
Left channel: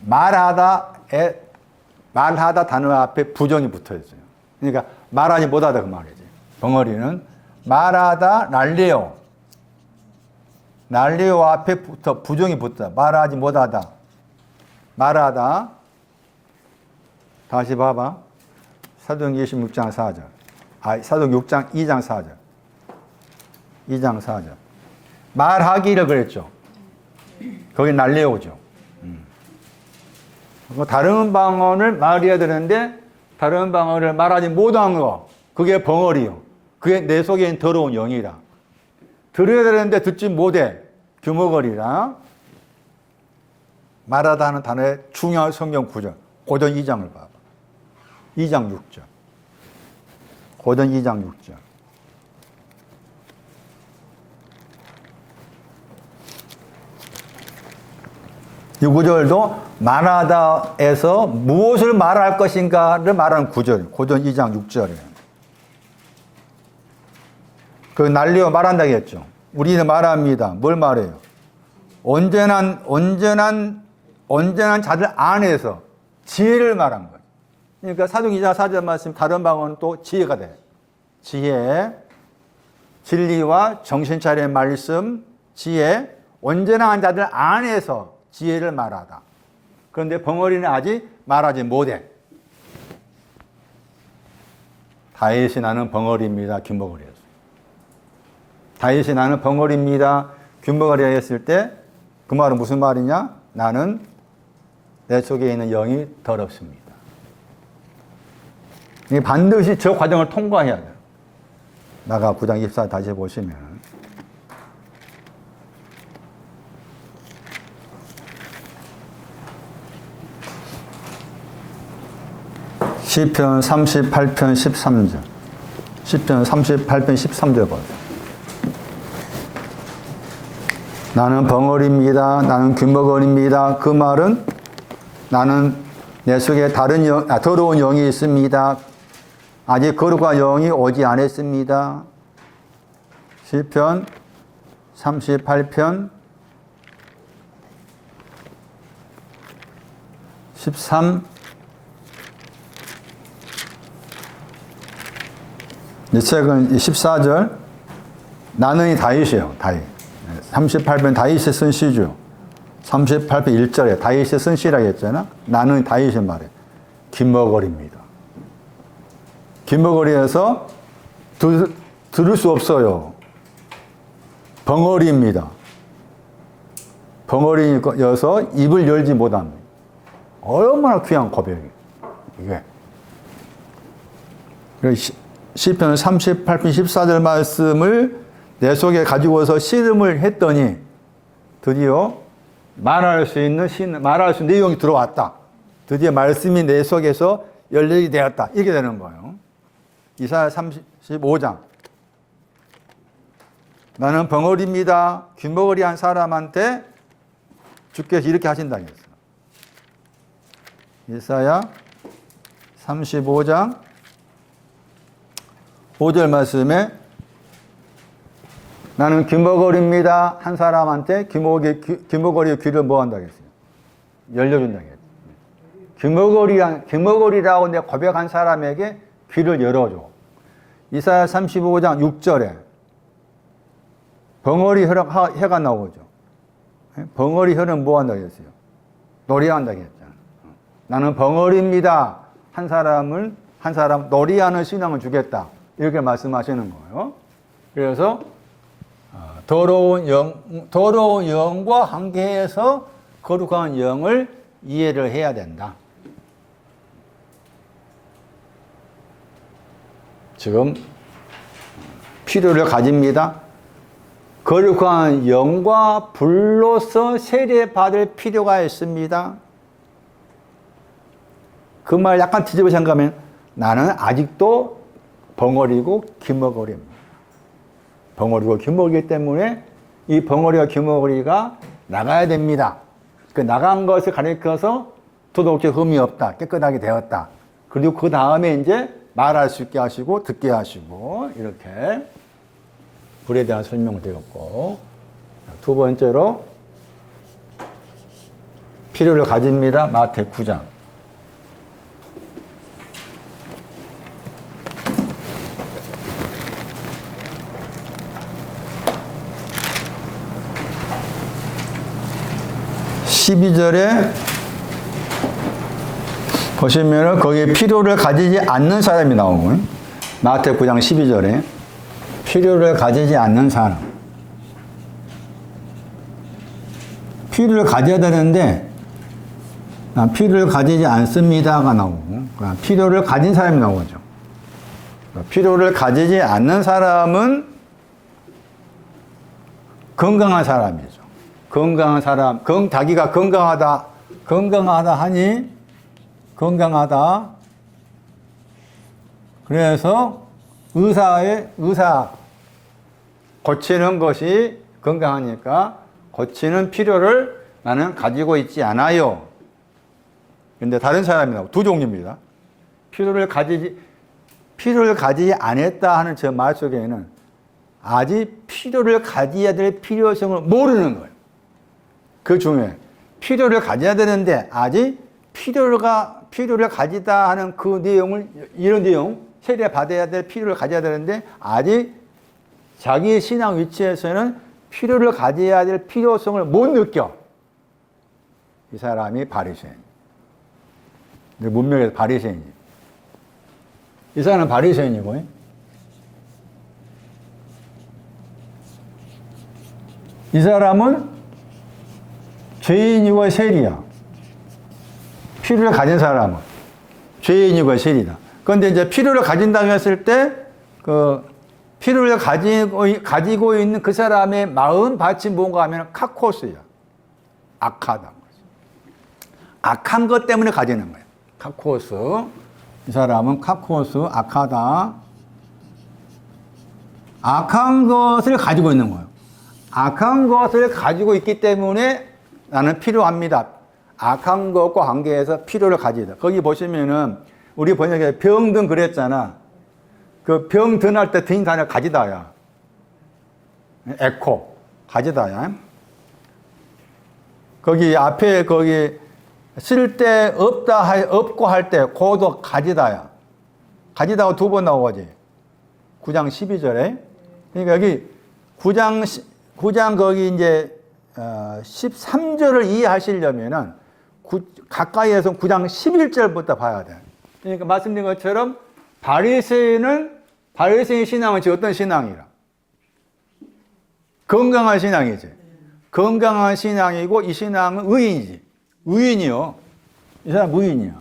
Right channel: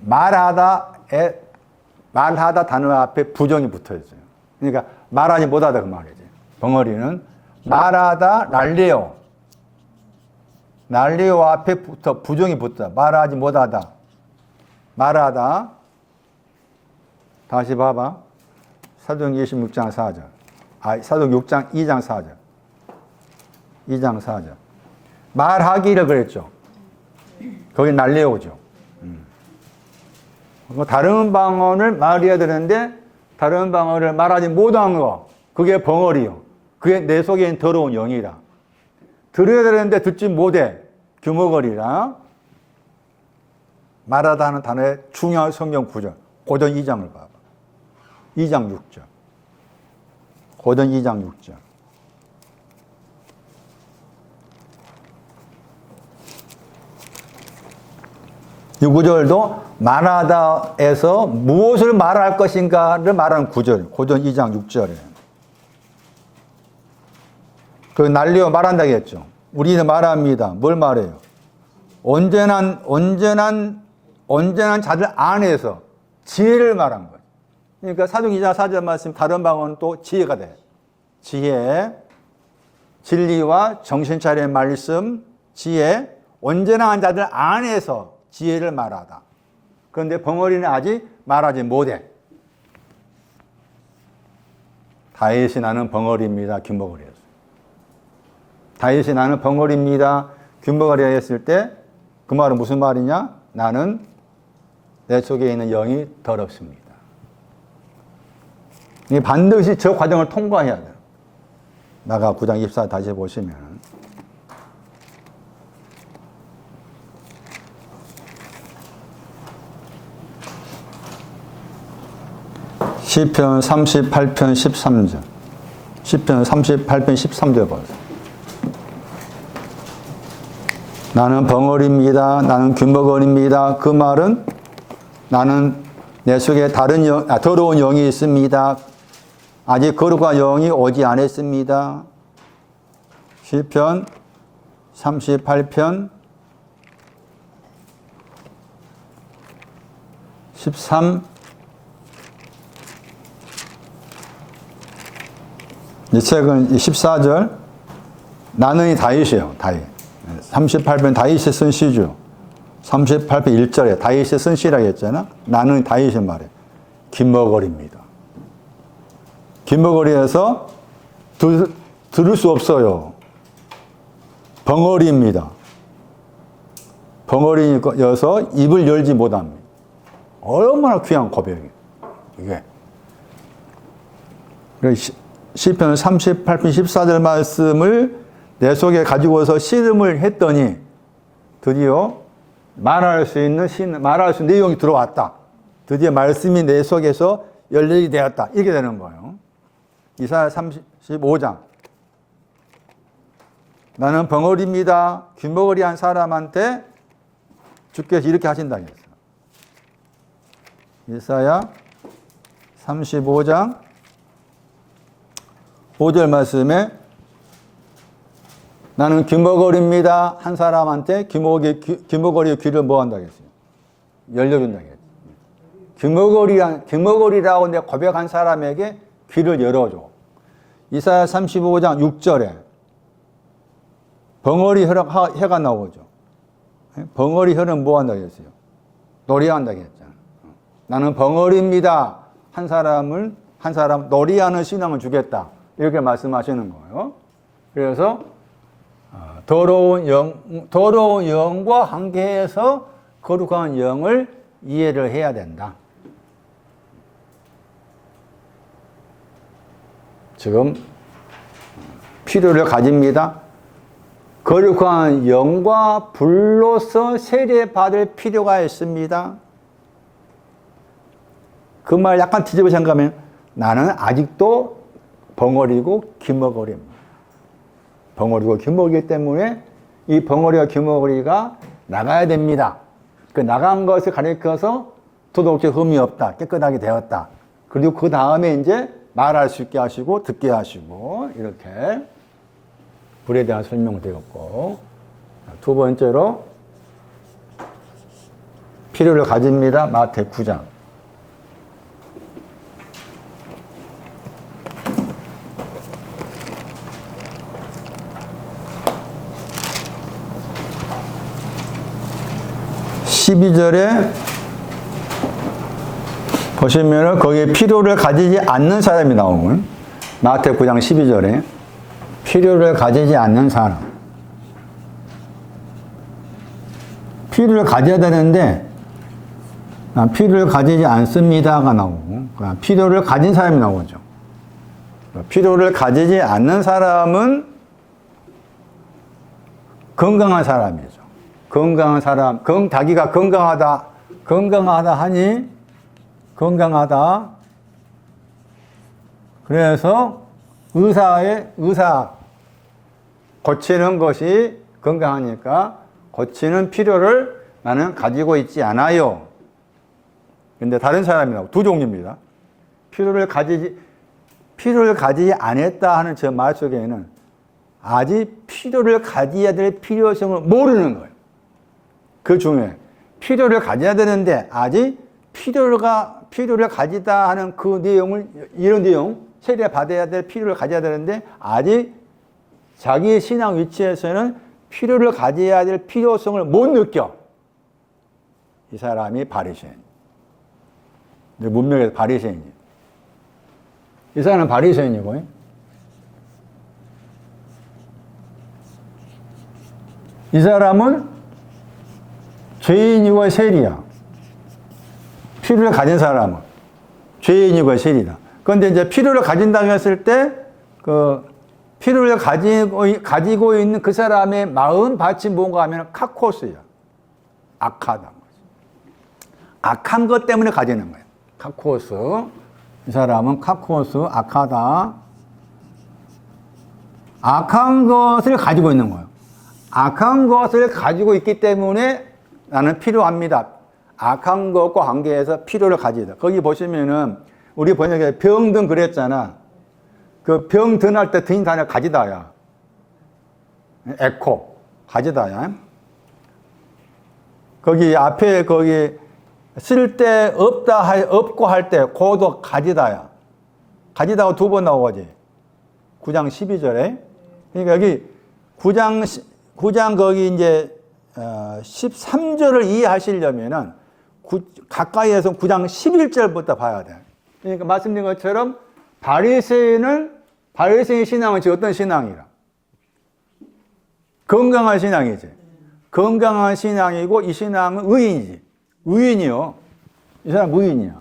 말하다 단어 앞에 부정이 붙어 있어요. 그러니까 말하지 못하다 그 말이지. 벙어리는 말하다 날레오 앞에 부정이 붙다. 말하지 못하다. 말하다. 다시 봐봐. 사도행 26장 4절. 사도행 6장 2장 4절. 2장 4절. 말하기를 그랬죠. 거기 날레오죠. 다른 방언을 말해야 되는데 다른 방언을 말하지 못한 거. 그게 벙어리요. 그게 내 속에 있는 더러운 영이라. 들어야 되는데 듣지 못해. 규머거리라. 말하다 하는 단어의 중요한 성경 구절. 고전 2장을 봐봐. 2장 6절. 고전 2장 6절. 이 구절도 말하다에서 무엇을 말할 것인가를 말하는 구절. 고전 2장 6절에. 그 날리어 말한다고 했죠. 우리는 말합니다. 뭘 말해요? 온전한 자들 안에서 지혜를 말한 거예요. 그러니까 사도행 2장 4절 말씀 다른 방언은 또 지혜가 돼. 지혜, 진리와 정신 차린 말씀, 지혜, 온전한 자들 안에서 지혜를 말하다. 그런데 벙어리는 아직 말하지 못해. 다윗이 나는 벙어리입니다. 균벙어리였어요. 다윗이 나는 벙어리입니다. 균벙어리가 했을 때 그 말은 무슨 말이냐? 나는 내 속에 있는 영이 더럽습니다. 이 반드시 저 과정을 통과해야 돼요. 나가 9장 24 다시 보시면 시편 38편 13절. 시편 38편 13절 보세요. 나는 벙어리입니다. 나는 귀머거리입니다. 그 말은 나는 내 속에 더러운 영이 있습니다. 아직 거룩한 영이 오지 않았습니다. 시편 38편 13. 이 책은 14절. 나는 이 다윗이에요. 다윗. 38편 다윗이 쓴 시죠. 38편 1절에 다윗이 쓴 시라고 했잖아. 나는 다윗의 말에 귀머거리입니다. 귀머거리에서 들을 수 없어요. 벙어리입니다. 벙어리여서 입을 열지 못합니다. 얼마나 귀한 고백이에요. 이게. 시편 38편 14절 말씀을 내 속에 가지고서 씨름을 했더니 드디어 말할 수 있는 내용이 들어왔다. 드디어 말씀이 내 속에서 열리게 되었다. 이렇게 되는 거예요. 이사야 35장. 나는 벙어리입니다. 귀머거리한 사람한테 주께서 이렇게 하신다고 했어요. 이사야 35장 5절 말씀에 나는 귀머거리입니다. 한 사람한테 귀머거리의 귀를 뭐 한다고 했어요? 열려준다고 했어요. 귀머거리라고 내가 고백한 사람에게 귀를 열어줘. 이사야 35장 6절에 벙어리 혀가 나오죠. 벙어리 혀는 뭐 한다고 했어요? 노래한다고 했잖아. 나는 벙어리입니다. 한 사람 노래하는 신앙을 주겠다. 이렇게 말씀하시는 거예요. 그래서 더러운 영과 함께해서 거룩한 영을 이해를 해야 된다. 지금 필요를 가집니다. 거룩한 영과 불로서 세례받을 필요가 있습니다. 그 말 약간 뒤집어 생각하면 나는 아직도 벙어리고 귀머거리입니다. 벙어리고 귀머거리기 때문에 이 벙어리와 귀머거리가 나가야 됩니다. 그 나간 것을 가리켜서 도덕적 흠이 없다. 깨끗하게 되었다. 그리고 그 다음에 이제 말할 수 있게 하시고 듣게 하시고 이렇게 불에 대한 설명을 드렸고, 두 번째로 필요를 가집니다. 마태 9장. (12절에) 보시면 거기에 필요를 가지지 않는 사람이 나오고, 마태 9장 12절에 필요를 가지지 않는 사람. 필요를 가져야 되는데 필요를 가지지 않습니다가 나오고, 필요를 가진 사람이 나오죠. 필요를 가지지 않는 사람은 건강한 사람이죠. 건강한 사람, 자기가 건강하다 하니, 건강하다. 그래서 의사 고치는 것이 건강하니까 고치는 필요를 나는 가지고 있지 않아요. 그런데 다른 사람이라고 두 종류입니다. 필요를 가지지 않았다 하는 저 말 속에는 아직 필요를 가져야 될 필요성을 모르는 거예요. 그 중에 필요를 가져야 되는데 아직 필요를 가지다 하는 그 내용을, 이런 내용, 세례 받아야 될 필요를 가져야 되는데 아직 자기의 신앙 위치에서는 필요를 가져야 될 필요성을 못 느껴. 이 사람이 바리새인. 문명에서 바리새인이에요. 이 사람은 바리새인이고, 이 사람은 죄인이고 세리야. 필요를 가진 사람은 죄인이고 세리다. 그런데 이제 필요를 가진다고 했을 때, 필요를 가지고 있는 그 사람의 마음 밭이 뭔가 하면 카코스야. 악하다. 악한 것 때문에 가지는 거예요. 카코스. 이 사람은 카코스, 악하다. 악한 것을 가지고 있는 거예요. 악한 것을 가지고 있기 때문에 나는 필요합니다. 악한 것과 관계해서 필요를 가지다. 거기 보시면은 우리 번역에 병든 그랬잖아. 그 병든 할 때 든 단어 가지다야. 에코 가지다야. 거기 앞에 거기 쓸 때 없고 할 때 고도 가지다야. 가지다가 두 번 나오지. 9장 12절에. 그러니까 여기 9장 거기 이제 13절을 이해하시려면은 가까이에서 9장 11절부터 봐야 돼. 그러니까 말씀드린 것처럼 바리새인의 신앙은 지금 어떤 신앙이라? 건강한 신앙이지. 건강한 신앙이고 이 신앙은 의인이지. 의인이요. 이 사람 의인이야.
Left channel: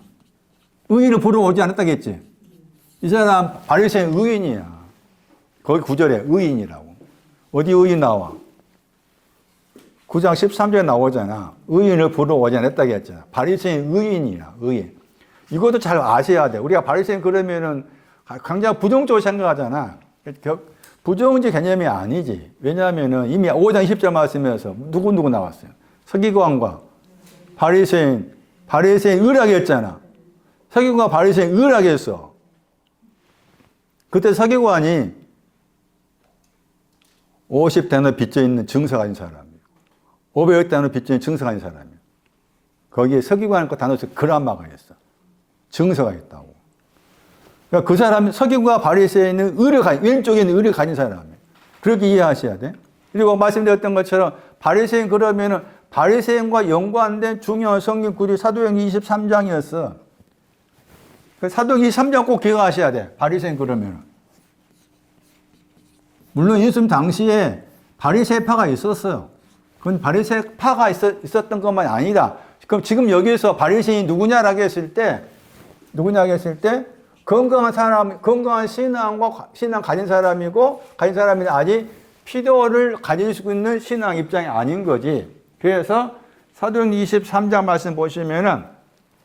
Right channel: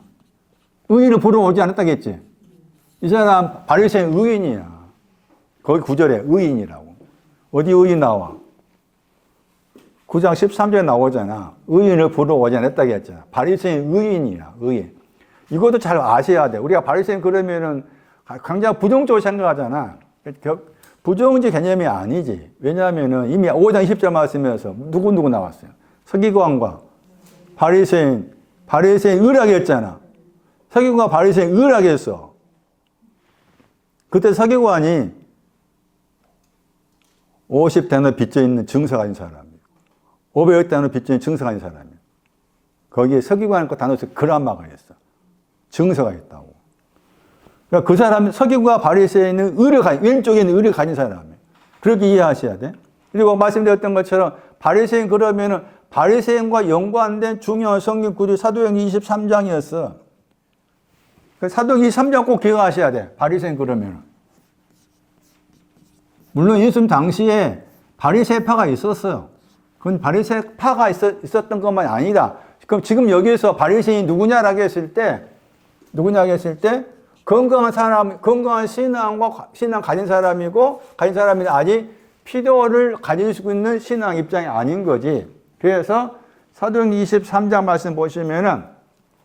의인을 부러워오지 않았다겠지. 이 사람 바리새인 의인이야. 거기 9절에 의인이라고. 어디 의인 나와? 9장 13절에 나오잖아. 의인을 부러워오지 않았다겠잖아. 바리새인 의인이라. 의인. 이것도 잘 아셔야 돼. 우리가 바리새인 그러면은 굉장히 부정적으로 생각하잖아. 부정적 개념이 아니지. 왜냐하면은 이미 5장 20절 말씀에서 누구 나왔어요. 서기관과 바리새인 의라게 했잖아. 서기관과 바리새인 의라게 했어. 그때 서기관이 50대나 빚져 있는 증서가 있는 사람이고 500대나 빚져 있는 증서가 있는 사람이고 거기에 서기관 그 단어에서 그람마가 있어. 증서가 있다고. 그러니까 그 사람 서기관과 바리새인은 왼쪽에 있는 의를 가진 사람이에요. 그렇게 이해하셔야 돼. 그리고 말씀드렸던 것처럼 바리새인 그러면은 바리새인과 연관된 중요한 성경 구절 사도행 23장이었어. 그 사도행 23장 꼭 기억하셔야 돼. 바리새인 그러면은. 물론 예수님 당시에 바리새파가 있었어요. 그건 바리새파가 있었던 것만 아니다. 그럼 지금 여기에서 바리새인이 누구냐라고 했을 때 건강한 신앙 가진 사람이고 가진 사람이 아직 필요를 가지고 있는 신앙 입장이 아닌 거지. 그래서 사도행 23장 말씀 보시면은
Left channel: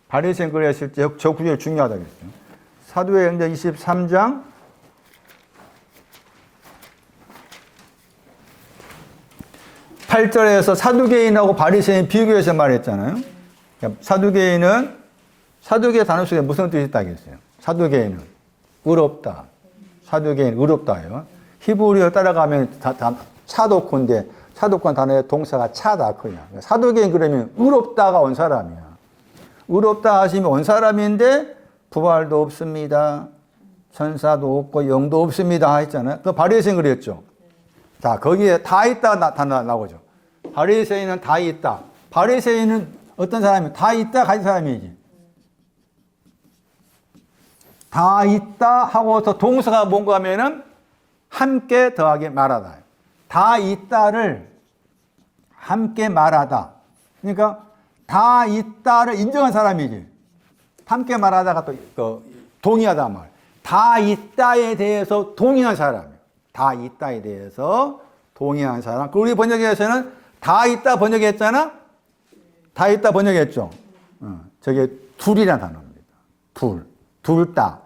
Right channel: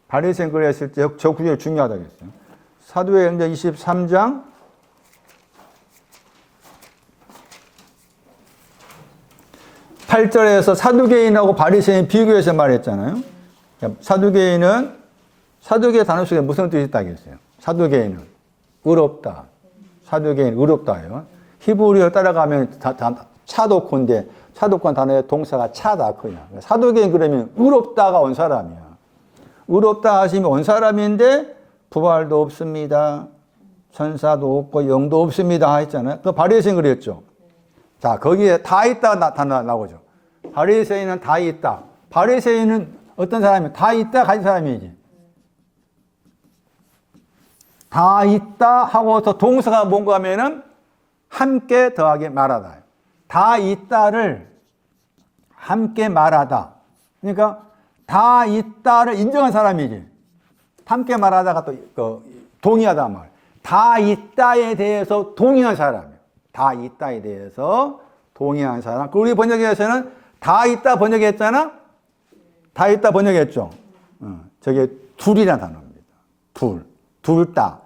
바리새인 그랬을 때 저 구절 중요하다고 했어요. 사도행 23장 8절에서 사두개인하고 바리새인 비교해서 말했잖아요. 사두개인 단어 속에 무슨 뜻이 있다고 했어요? 사두개인은 의롭다. 사두개인 의롭다요. 히브리어 따라가면 차도콘데 차도콘 단어의 동사가 차다 그냥. 사두개인 그러면 의롭다가 온 사람이야. 의롭다 하시면 온 사람인데 부활도 없습니다. 천사도 없고 영도 없습니다 했잖아요. 그 바리새인 그랬죠. 자, 거기에 다 있다 나오죠. 바리새인은 다 있다. 바리새인은 어떤 사람이야? 다 있다 가진 사람이지. 다 있다 하고서 동사가 뭔가 하면은 함께 더하게 말하다. 다 있다를 함께 말하다. 그러니까 다 있다를 인정한 사람이지. 함께 말하다가 또 동의하다 말. 다 있다에 대해서 동의한 사람. 다 있다에 대해서 동의한 사람. 우리 번역에서는 다 있다 번역했잖아? 다 있다 번역했죠? 저게 둘이라는 단어입니다. 둘 다.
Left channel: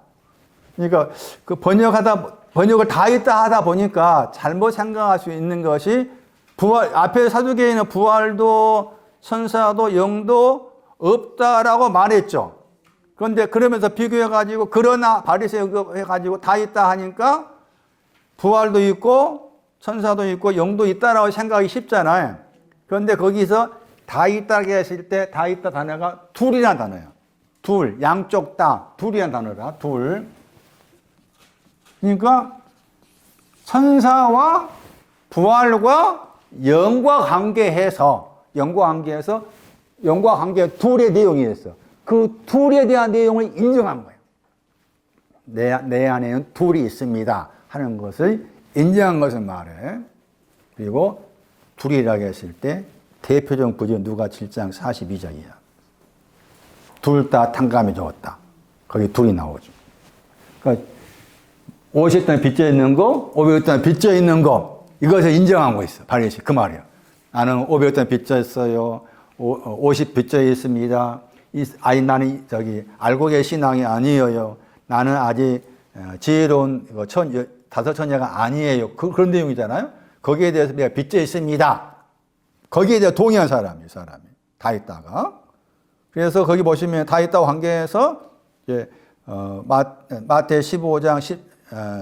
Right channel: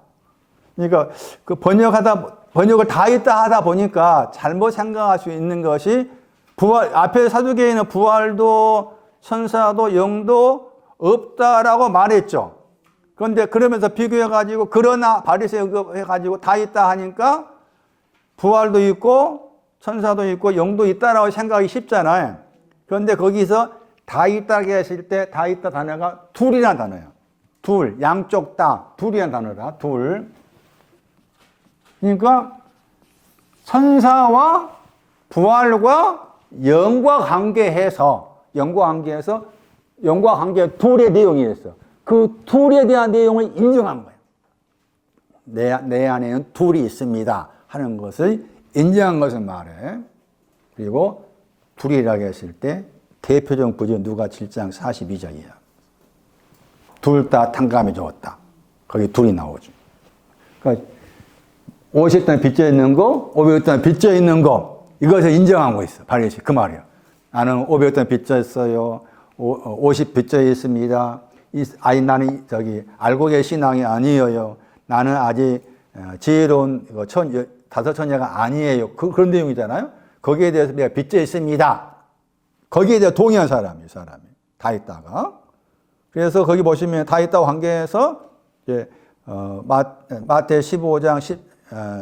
그러니까 그 번역을 다 있다 하다 보니까 잘못 생각할 수 있는 것이 앞에 사두개인은 부활도 천사도 영도 없다라고 말했죠. 그런데 그러면서 비교해가지고 그러나 바리새인 해가지고 다 있다 하니까 부활도 있고 천사도 있고 영도 있다라고 생각하기 쉽잖아요. 그런데 거기서 다 있다고 했을 때 다 있다 단어가 둘이라는 단어예요. 둘, 양쪽 다 둘이라는 단어라. 둘. 그러니까 천사와 부활과 영과 관계해서 영과 관계 둘의 내용이 있어. 그 둘에 대한 내용을 인정한 거예요. 내 안에는 둘이 있습니다 하는 것을 인정한 것을 말해. 그리고 둘이라고 했을 때 대표적 구절 누가 7장 42절이야. 둘 다 탕감해 주었다. 거기 둘이 나오지. 그러니까 50단 빚져 있는 거, 500단 빚져 있는 거, 이것을 인정하고 있어. 바리새인 그 말이야. 나는 500단 빚져 있어요. 50 빚져 있습니다. 나는 알고 계신 신앙이 아니에요. 나는 아직 지혜로운 다섯 처녀가 아니에요. 그런 내용이잖아요. 거기에 대해서 내가 빚져 있습니다. 거기에 대해 동의한 사람이 다 있다가. 그래서 거기 보시면 다 있다고 관계해서 이제 마태 15장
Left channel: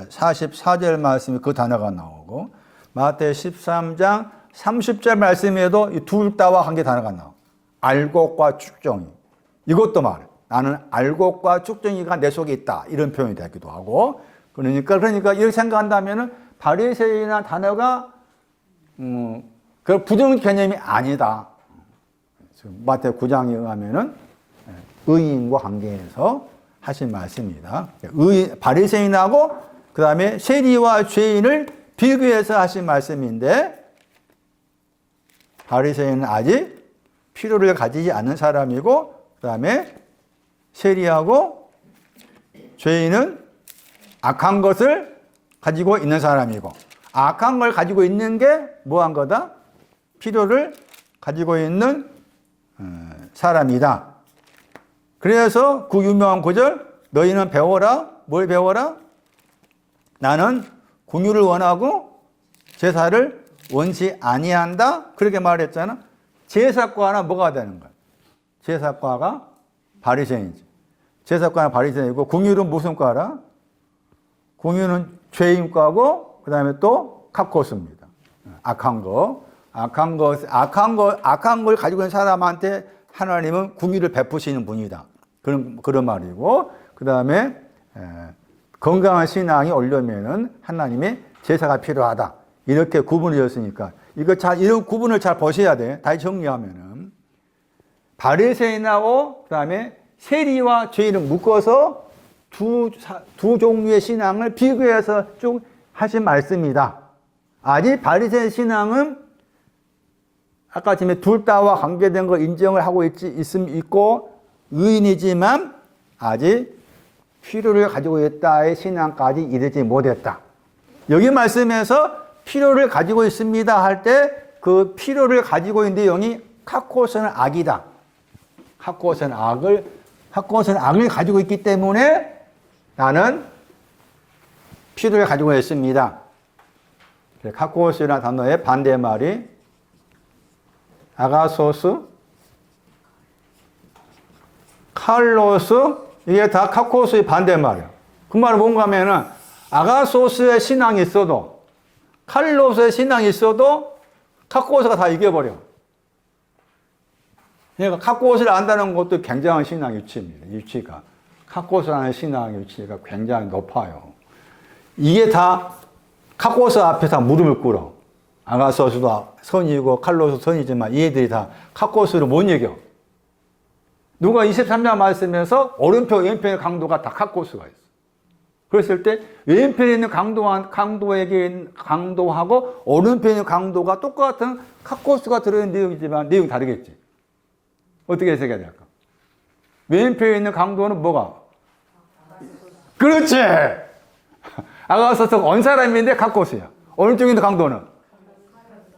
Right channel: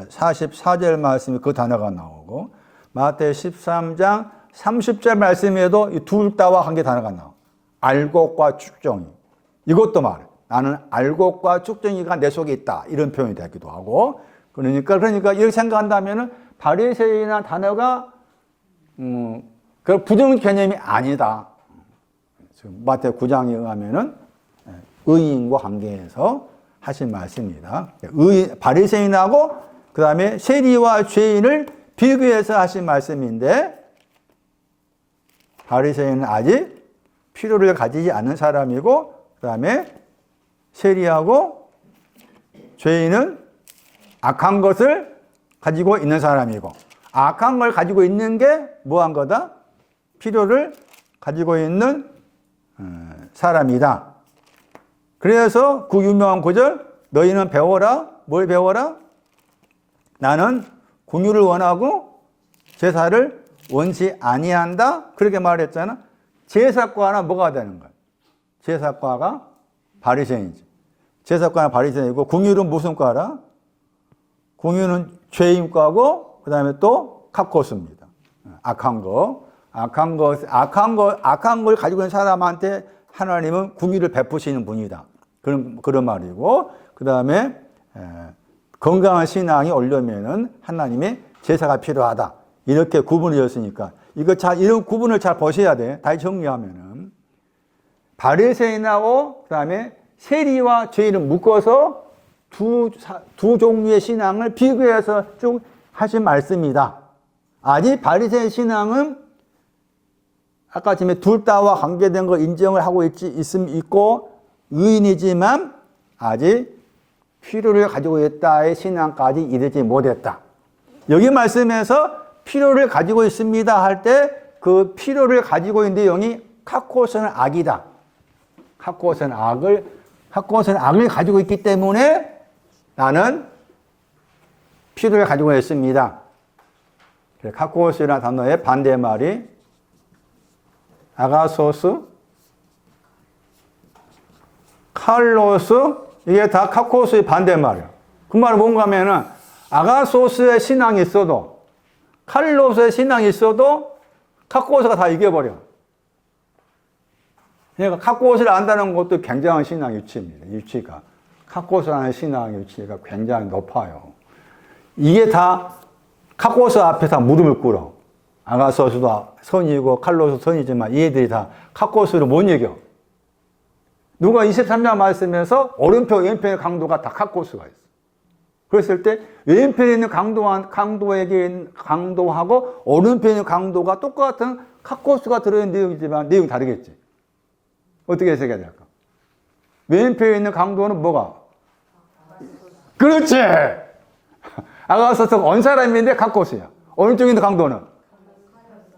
44절 말씀에 그 단어가 나오고, 마태 13장 30절 말씀에도 이 둘 다와 관계 단어가 나오고, 알곡과 쭉정이. 이것도 말해. 나는 알곡과 쭉정이가 내 속에 있다. 이런 표현이 되기도 하고. 그러니까 이렇게 생각한다면은 바리새인이라는 단어가 그 부드러운 개념이 아니다. 마태 9장에 의하면은 의인과 관계해서 하신 말씀입니다. 바리새인하고 그 다음에 세리와 죄인을 비교해서 하신 말씀인데, 바리새인은 아직 필요를 가지지 않는 사람이고, 그 다음에 세리하고 죄인은 악한 것을 가지고 있는 사람이고, 악한 걸 가지고 있는 게 뭐한 거다? 필요를 가지고 있는 사람이다. 그래서 그 유명한 구절, 너희는 배워라. 뭘 배워라? 나는 긍휼을 원하고 제사를 원치 아니한다. 그렇게 말했잖아. 제사과는 뭐가 되는 거야? 제사과가 바리새인이지. 제사과는 바리새인이고, 긍휼은 무슨 과라? 긍휼은 죄인과고, 그 다음에 또 카코스입니다. 악한 걸 가지고 있는 사람한테 하나님은 긍휼을 베푸시는 분이다. 그런 말이고, 그 다음에 건강한 신앙이 오려면은 하나님의 제사가 필요하다. 이렇게 구분이 되었으니까 이런 구분을 잘 보셔야 돼. 다시 정리하면은 바리새인하고 그 다음에 세리와 죄인을 묶어서 두 종류의 신앙을 비교해서 쭉 하신 말씀이다. 아직 바리새인 신앙은 아까 전에 둘 다와 관계된 걸 인정을 하고 있고 의인이지만 아직 필요를 가지고 있다의 신앙까지 이르지 못했다. 여기 말씀에서 필요를 가지고 있습니다 할 때 그 필요를 가지고 있는 내용이 카코스는 악이다. 카코스는 악을 가지고 있기 때문에 나는 필요를 가지고 있습니다. 카코스라는 단어의 반대말이 아가소스, 칼로스, 이게 다 카코스의 반대말이에요. 그 말은 뭔가 하면은 아가소스의 신앙이 있어도, 칼로스의 신앙이 있어도 카코스가 다 이겨버려. 그러니까 카코스를 안다는 것도 굉장한 신앙 위치입니다. 위치가. 카코스라는 신앙의 위치가 굉장히 높아요. 이게 다 카코스 앞에서 무릎을 꿇어. 아가소스도 선이고 칼로스 선이지만 얘들이 다 카코스를 못 이겨. 누가 23장 말씀에서 오른편, 왼편의 강도가 다 카코스가 있어. 그랬을 때 왼편에 있는 강도하고 오른편에 있는 강도가 똑같은 카코스가 들어있는 내용이지만 내용이 다르겠지. 어떻게 해석해야 될까? 왼편에 있는 강도는 뭐가? 그렇지! 아가소스가 온 사람인데 카코스야. 오른쪽에 있는 강도는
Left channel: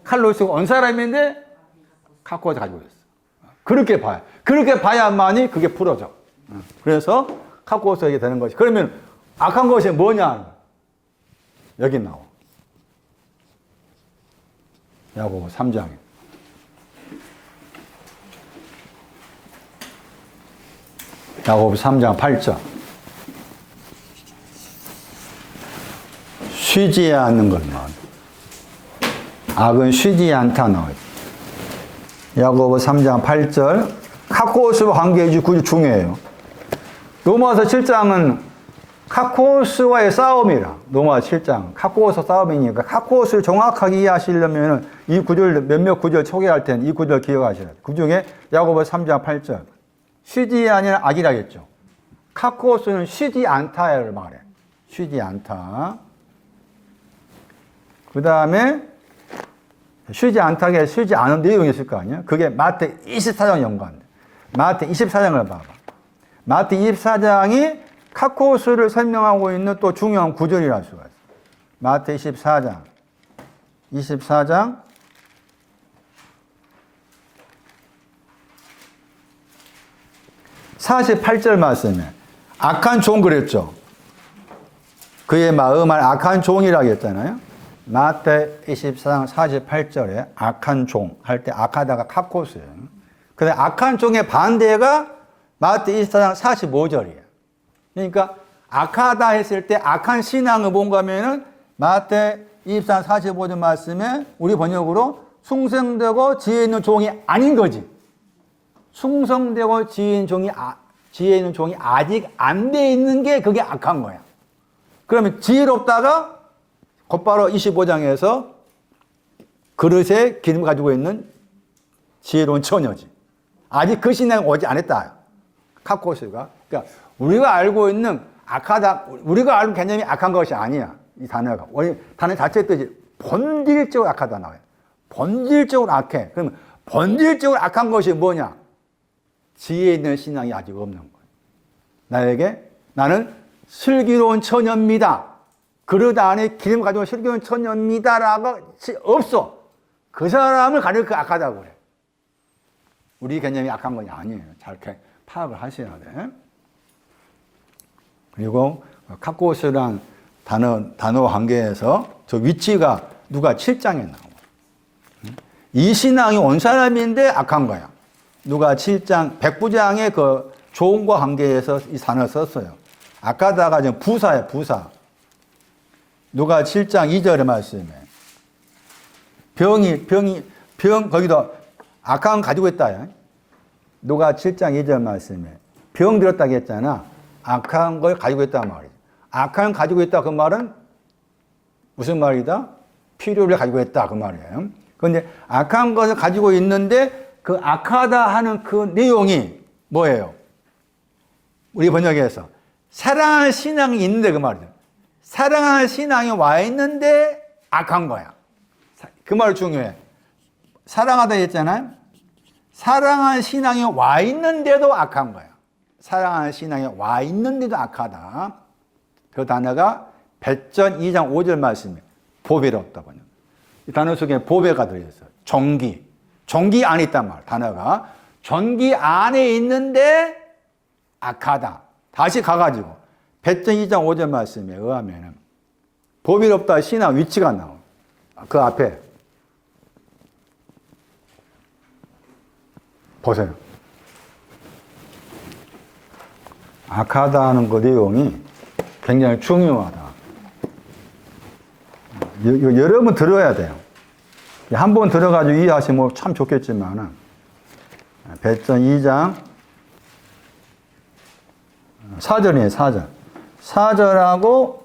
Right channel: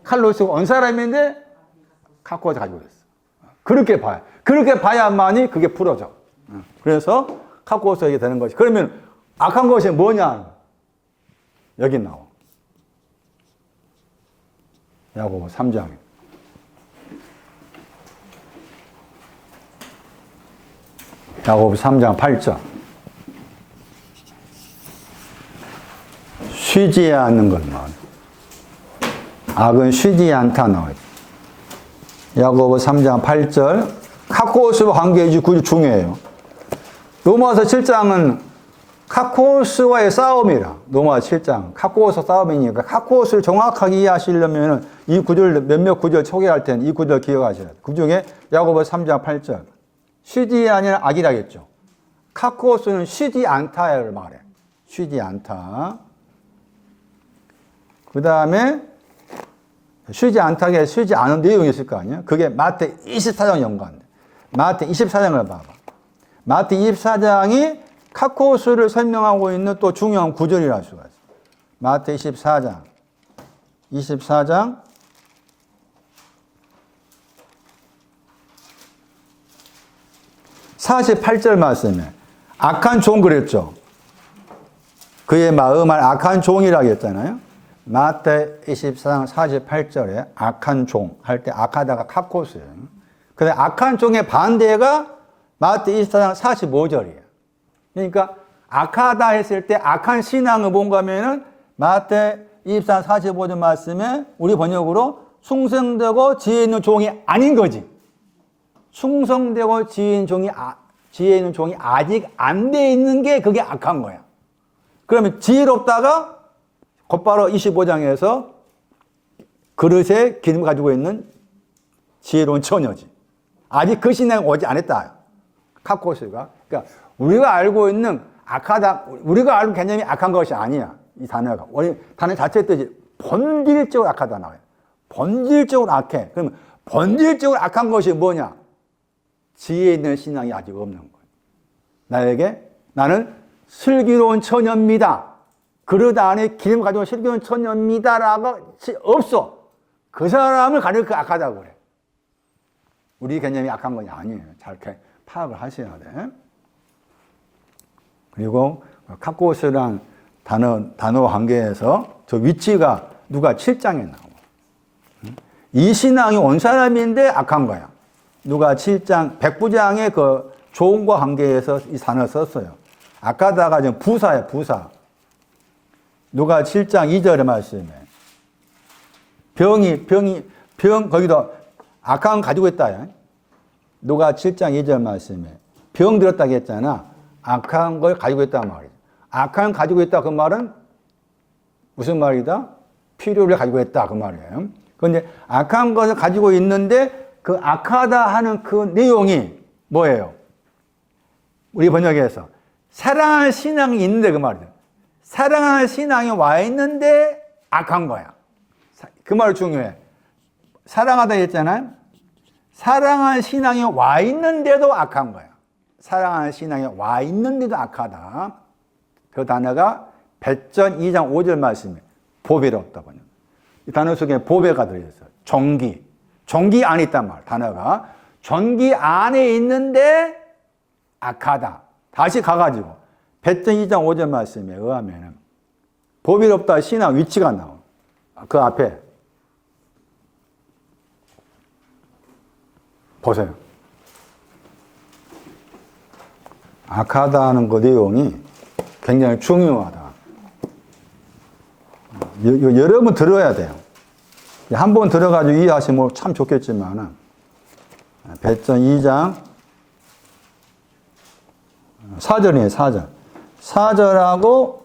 칼로스가 온 사람인데 카코스 가지고 있어. 그렇게 봐요. 그렇게 봐야만이 그게 풀어져. 그래서 카코스에게 되는 것이. 그러면 악한 것이 뭐냐? 여기 나와. 야고보 3장. 야고보 3장 8절. 쉬지 않는 것만. 악은 쉬지 않다 나와 있다. 야고보 3장 8절. 카코스와 관계가 중요해요. 로마서 7장은 카코스와의 싸움이라. 로마서 7장 카코스 싸움이니까 카코스를 정확하게 이해하시려면 이 구절 몇몇 구절 소개할 텐데 이 구절 기억하셔야 돼요. 그 중에 야고보 3장 8절 쉬지 아니라 악이라겠죠. 카코스는 쉬지 않다를 말해. 쉬지 않다. 그 다음에 쉬지 않다게 쉬지 않은 내용이 있을 거 아니에요. 그게 마태 24장 연관돼. 마태 24장을 봐봐. 마태 24장이 카코스를 설명하고 있는 또 중요한 구절이라 할 수가 있어요. 마태 24장 48절 말씀에 악한 종 그랬죠. 그의 마음을 악한 종이라고 했잖아요. 마태 24장 48절에 악한 종 할 때 악하다가 카코스예요. 근데 악한 종의 반대가 마태 24장 45절이에요. 그러니까 악하다 했을 때 악한 신앙은 뭔가 하면은 마태 24장 45절 말씀에 우리 번역으로 충성되고 지혜 있는 종이 아닌 거지. 충성되고 지혜 있는 종이 아직 안 돼 있는 게 그게 악한 거야. 그러면 지혜롭다가 곧바로 25장에서 그릇에 기름을 가지고 있는 지혜로운 처녀지. 아직 그 신앙이 오지 않았다. 카코스가. 그러니까 우리가 알고 있는 악하다, 우리가 아는 개념이 악한 것이 아니야. 이 단어가. 우리 단어 자체 뜻이 본질적으로 악하다 나와요. 본질적으로 악해. 그럼 본질적으로 악한 것이 뭐냐? 지혜 있는 신앙이 아직 없는 거예요. 나는 슬기로운 처녀입니다. 그릇 안에 기름 가지고 슬기로운 처녀입니다라고 없어. 그 사람을 가리켜 그 악하다고 그래. 우리 개념이 악한 건 아니에요. 잘 파악을 하셔야 돼. 그리고 카코스란 단어 관계에서 저 위치가 누가 7장에 나와. 이 신앙이 온 사람인데 악한 거야. 누가 7장, 백부장의 그 조언과 관계에서 이 단어를 썼어요. 악하다가 지금 부사예요, 부사. 누가 7장 2절의 말씀에. 거기도 악한 가지고 있다. 누가 7장 2절 말씀에. 병 들었다고 했잖아. 악한 걸 가지고 있단 말이지. 악한 가지고 있다 그 말은 무슨 말이다? 필요를 가지고 있다 그 말이에요. 그런데 악한 것을 가지고 있는데 그 악하다 하는 그 내용이 뭐예요? 우리 번역에서 사랑할 신앙이 있는데 그 말이에요. 사랑할 신앙이 와 있는데 악한 거야. 그 말 중요해. 사랑하다 했잖아요. 사랑할 신앙이 와 있는데도 악한 거야. 사랑하는 신앙이 와 있는데도 악하다. 그 단어가 배전 2장 5절 말씀이 보배롭다고 하는. 이 단어 속에 보배가 들어있어요. 종기 안에 있단 말. 단어가 종기 안에 있는데 악하다. 다시 가가지고 배전 2장 5절 말씀에 의하면 보배롭다 신앙 위치가 나와. 그 앞에 보세요. 악하다는 그 내용이 굉장히 중요하다. 여러분 들어야 돼요. 한 번 들어가지고 이해하시면 참 좋겠지만 배전 2장 4절이에요. 4절. 4절하고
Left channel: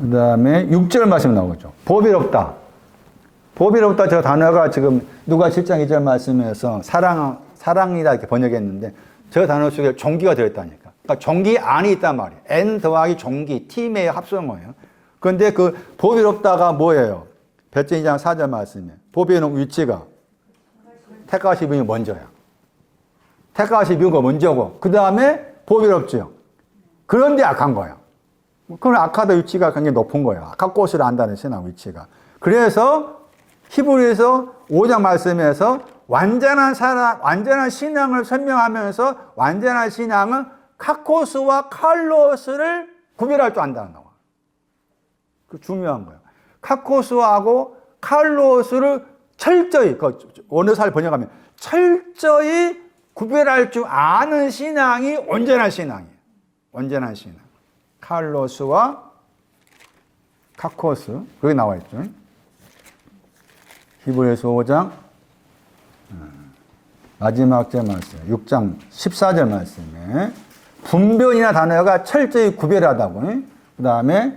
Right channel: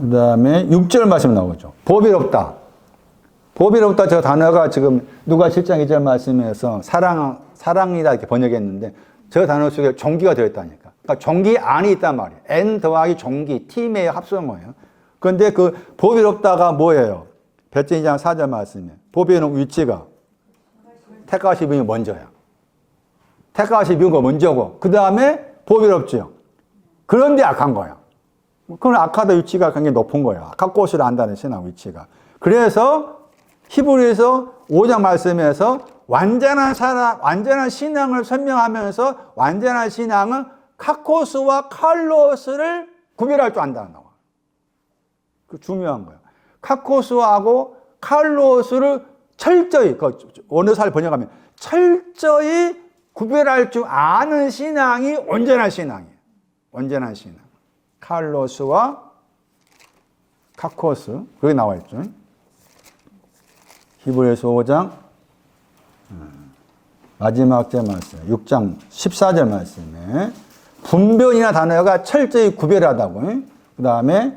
그 다음에 6절 말씀 나오죠. 보배롭다. 보배롭다 저 단어가 지금 누가 7장 2절 말씀에서 사랑이다 이렇게 번역했는데 저 단어 속에 종기가 들어있다니까. 그러니까 종기 안에 있단 말이에요. N 더하기 종기, 팀의 합성어예요. 그런데 그 보배롭다가 뭐예요? 배전 2장 4절 말씀에 보배는 위치가 택하시 비는 먼저야. 택하시 비는 거 먼저고 그 다음에 보배롭죠. 그런데 악한 거야. 그건 악하다 위치가 굉장히 높은 거야. 악한 꽃을 안다는 신앙 위치가. 그래서 히브리서 5장 말씀에서 완전한 신앙을 설명하면서 완전한 신앙은 카코스와 칼로스를 구별할 줄 안다는 거야. 그 중요한 거야. 카코스하고 칼로스를 철저히, 원어사를 번역하면 철저히 구별할 줄 아는 신앙이 온전한 신앙이에요. 온전한 신앙. 칼로스와 카코스. 거기 나와 있죠. 히브리서 5장 마지막 절 말씀 6장 14절 말씀에 분별이나 단어가 철저히 구별하다고. 그 다음에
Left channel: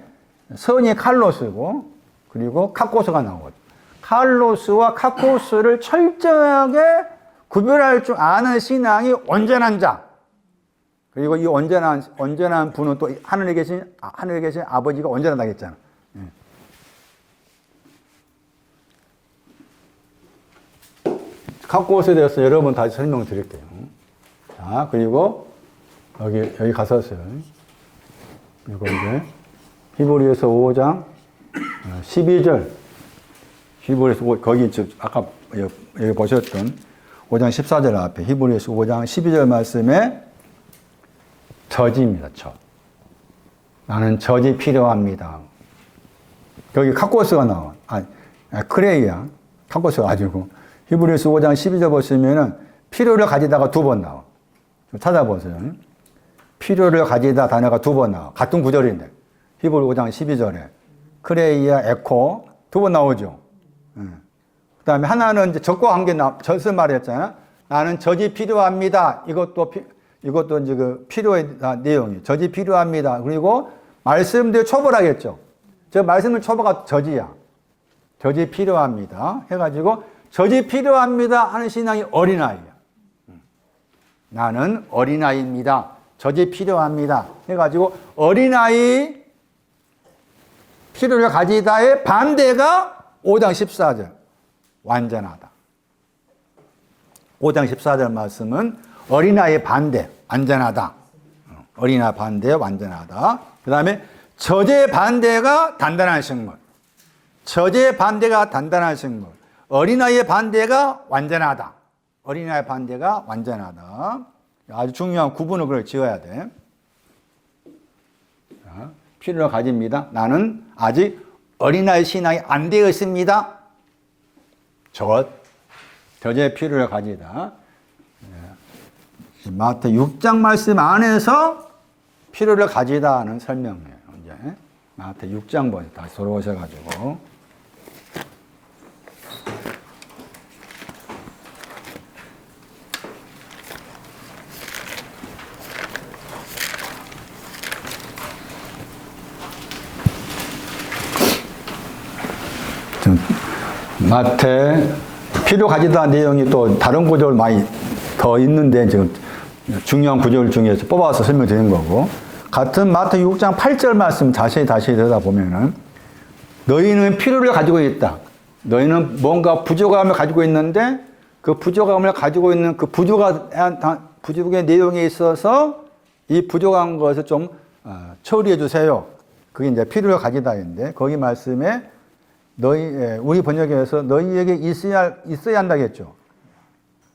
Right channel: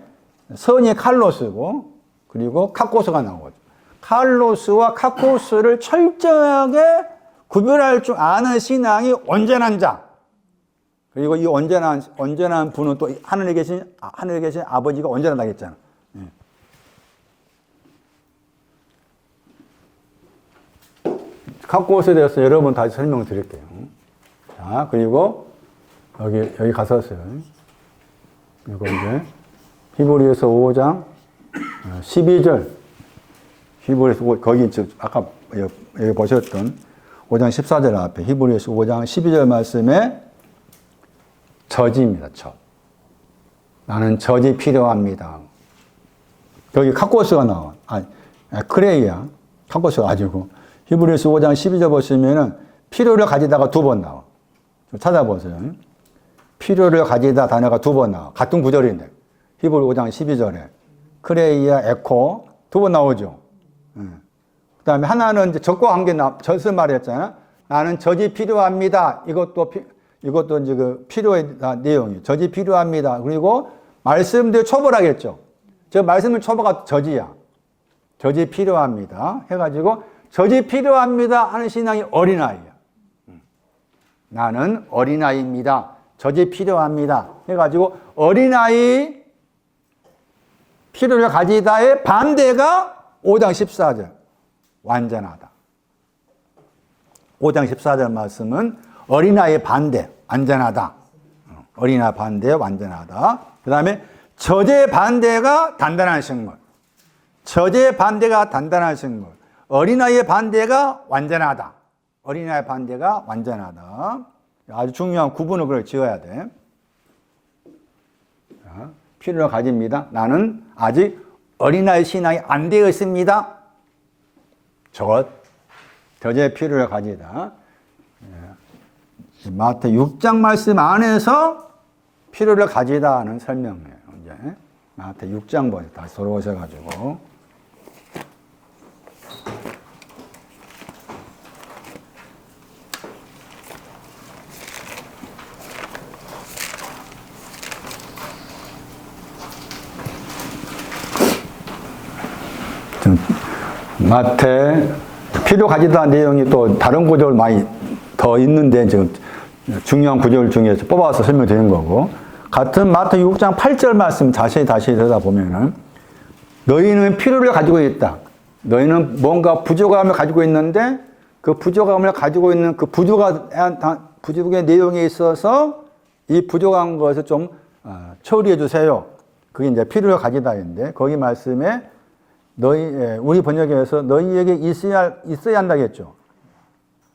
선이 칼로스고 그리고 카코스가 나오죠. 칼로스와 카코스를 철저하게 구별할 줄 아는 신앙이 온전한 자. 그리고 이 온전한 분은 또 하늘에 계신 아버지가 온전하다고 했잖아. 카코스에 대해서 여러분 다시 설명드릴게요. 자, 그리고 여기 가서요. 이거 이제 히브리서 5장 12절. 히브리서 거기 아까 여기 보셨던 5장 14절 앞에 히브리서 5장 12절 말씀에 저지입니다. 나는 저지 필요합니다. 여기 카코스가 나와. 크레이야. 카코스가 아니고. 히브리서 5장 12절 보시면은 필요를 가지다가 두 번 나와. 찾아보세요. 필요를 가지다 단어가 두 번 나와. 같은 구절인데. 히브리 5장 12절에 크레이야, 에코 두 번 나오죠. 그 다음에 하나는 이제 적과 관계 전스 말이었잖아. 나는 저지 필요합니다. 이것도 이제 그 필요의 내용이에요. 저지 필요합니다. 그리고 말씀대로 초벌하겠죠. 저 말씀을 초벌가 저지야. 저지 필요합니다. 해가지고 저지 필요합니다 하는 신앙이 어린아이야. 나는 어린아이입니다. 저지 필요합니다. 해가지고 어린아이 필요를 가지다의 반대가 5장 14절. 완전하다. 5장 14절 말씀은 어린아이의 반대, 완전하다. 어린아이 반대, 완전하다. 그 다음에 저지의 반대가 단단한 식물. 저지의 반대가 단단한 식물. 어린아이의 반대가 완전하다. 어린아이의 반대가 완전하다. 아주 중요한 구분을 그걸 지어야 돼. 필요를 가집니다. 나는 아직 어린아이 신앙이 안 되어 있습니다. 저지의 필요를 가지다. 마태 6장 말씀 안에서 필요를 가지다는 설명이에요. 이제 마태 6장 보세요. 다시 돌아오셔가지고. 마태 필요 가지다 내용이 또 다른 구절 많이 더 있는데 지금 중요한 구절 중에서 뽑아서 설명드리는 거고, 같은 마태 6장 8절 말씀 다시 들여다보면은 너희는 필요를 가지고 있다. 너희는 뭔가 부족함을 가지고 있는데 그 부족함을 가지고 있는 그 부족의 내용에 있어서 이 부족한 것을 좀 처리해 주세요. 그게 이제 필요를 가지다인데 거기 말씀에 우리 번역에서 너희에게 있어야 한다겠죠.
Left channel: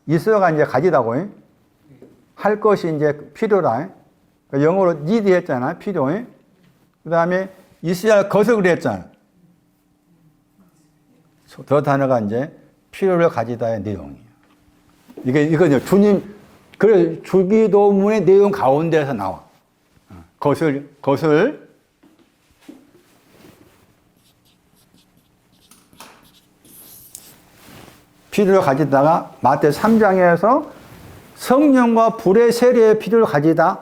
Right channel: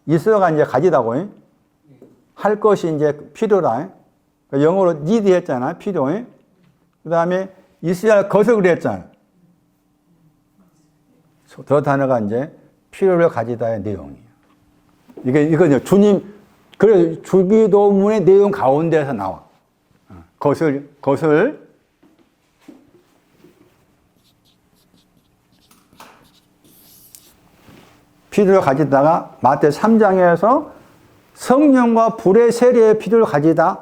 있어야가 이제 가지다고. 할 것이 이제 필요라. 영어로 need 했잖아. 필요. 그 다음에 있어야 할 것을 그랬잖아. 저 단어가 이제 필요를 가지다의 내용이에요. 이거 이제 그래, 주기도문의 내용 가운데서 나와. 것을 필요를 가지다가 마태 3장에서 성령과 불의 세례의 필요를 가지다.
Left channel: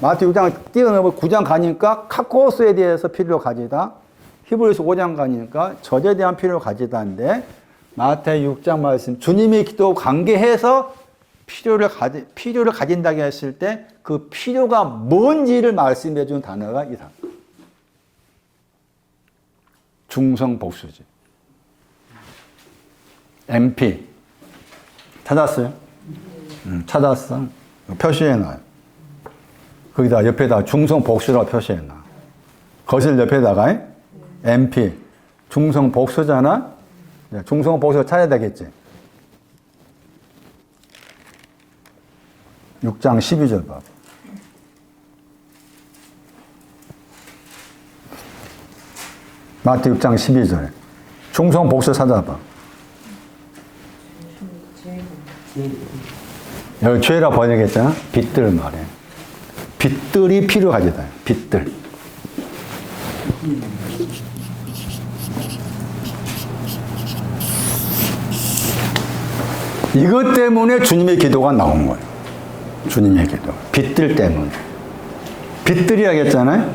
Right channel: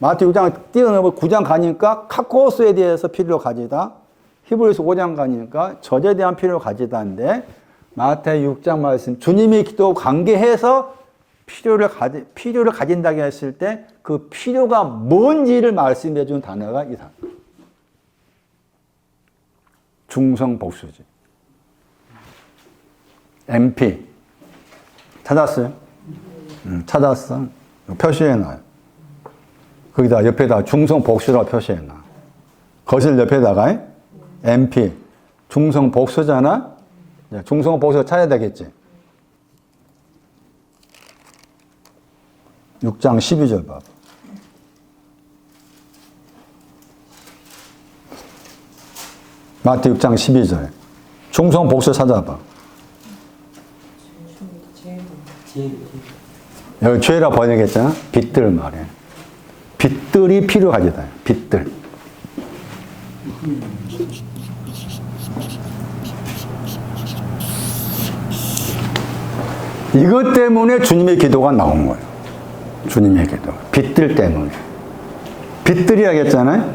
마태 6장 뛰어넘어 9장 가니까 카코스에 대해서 필요를 가지다. 히브리서 5장 가니까 저제에 대한 필요를 가지다인데 마태 6장 말씀 주님의 기도 관계해서 필요를 가진다고 했을 때 그 필요가 뭔지를 말씀해 준 단어가 이 단어. 중성복수지. MP. 찾았어요? 찾았어. 표시해놔요. 거기다 옆에다 중성복수라고 표시해놔. 거실 옆에다가 MP. 중성복수잖아? 중성복수 찾아야 되겠지. 6장 12절 봐. 마태 6장 12절. 중성복수 찾아봐. 여기 죄라 번역했잖아. 빛들 말해. 빛들이 필요하겠다. 빛들. 이것 때문에 주님의 기도가 나온 거예요. 주님의 기도. 빛들 때문에. 빛들이라고 했잖아요.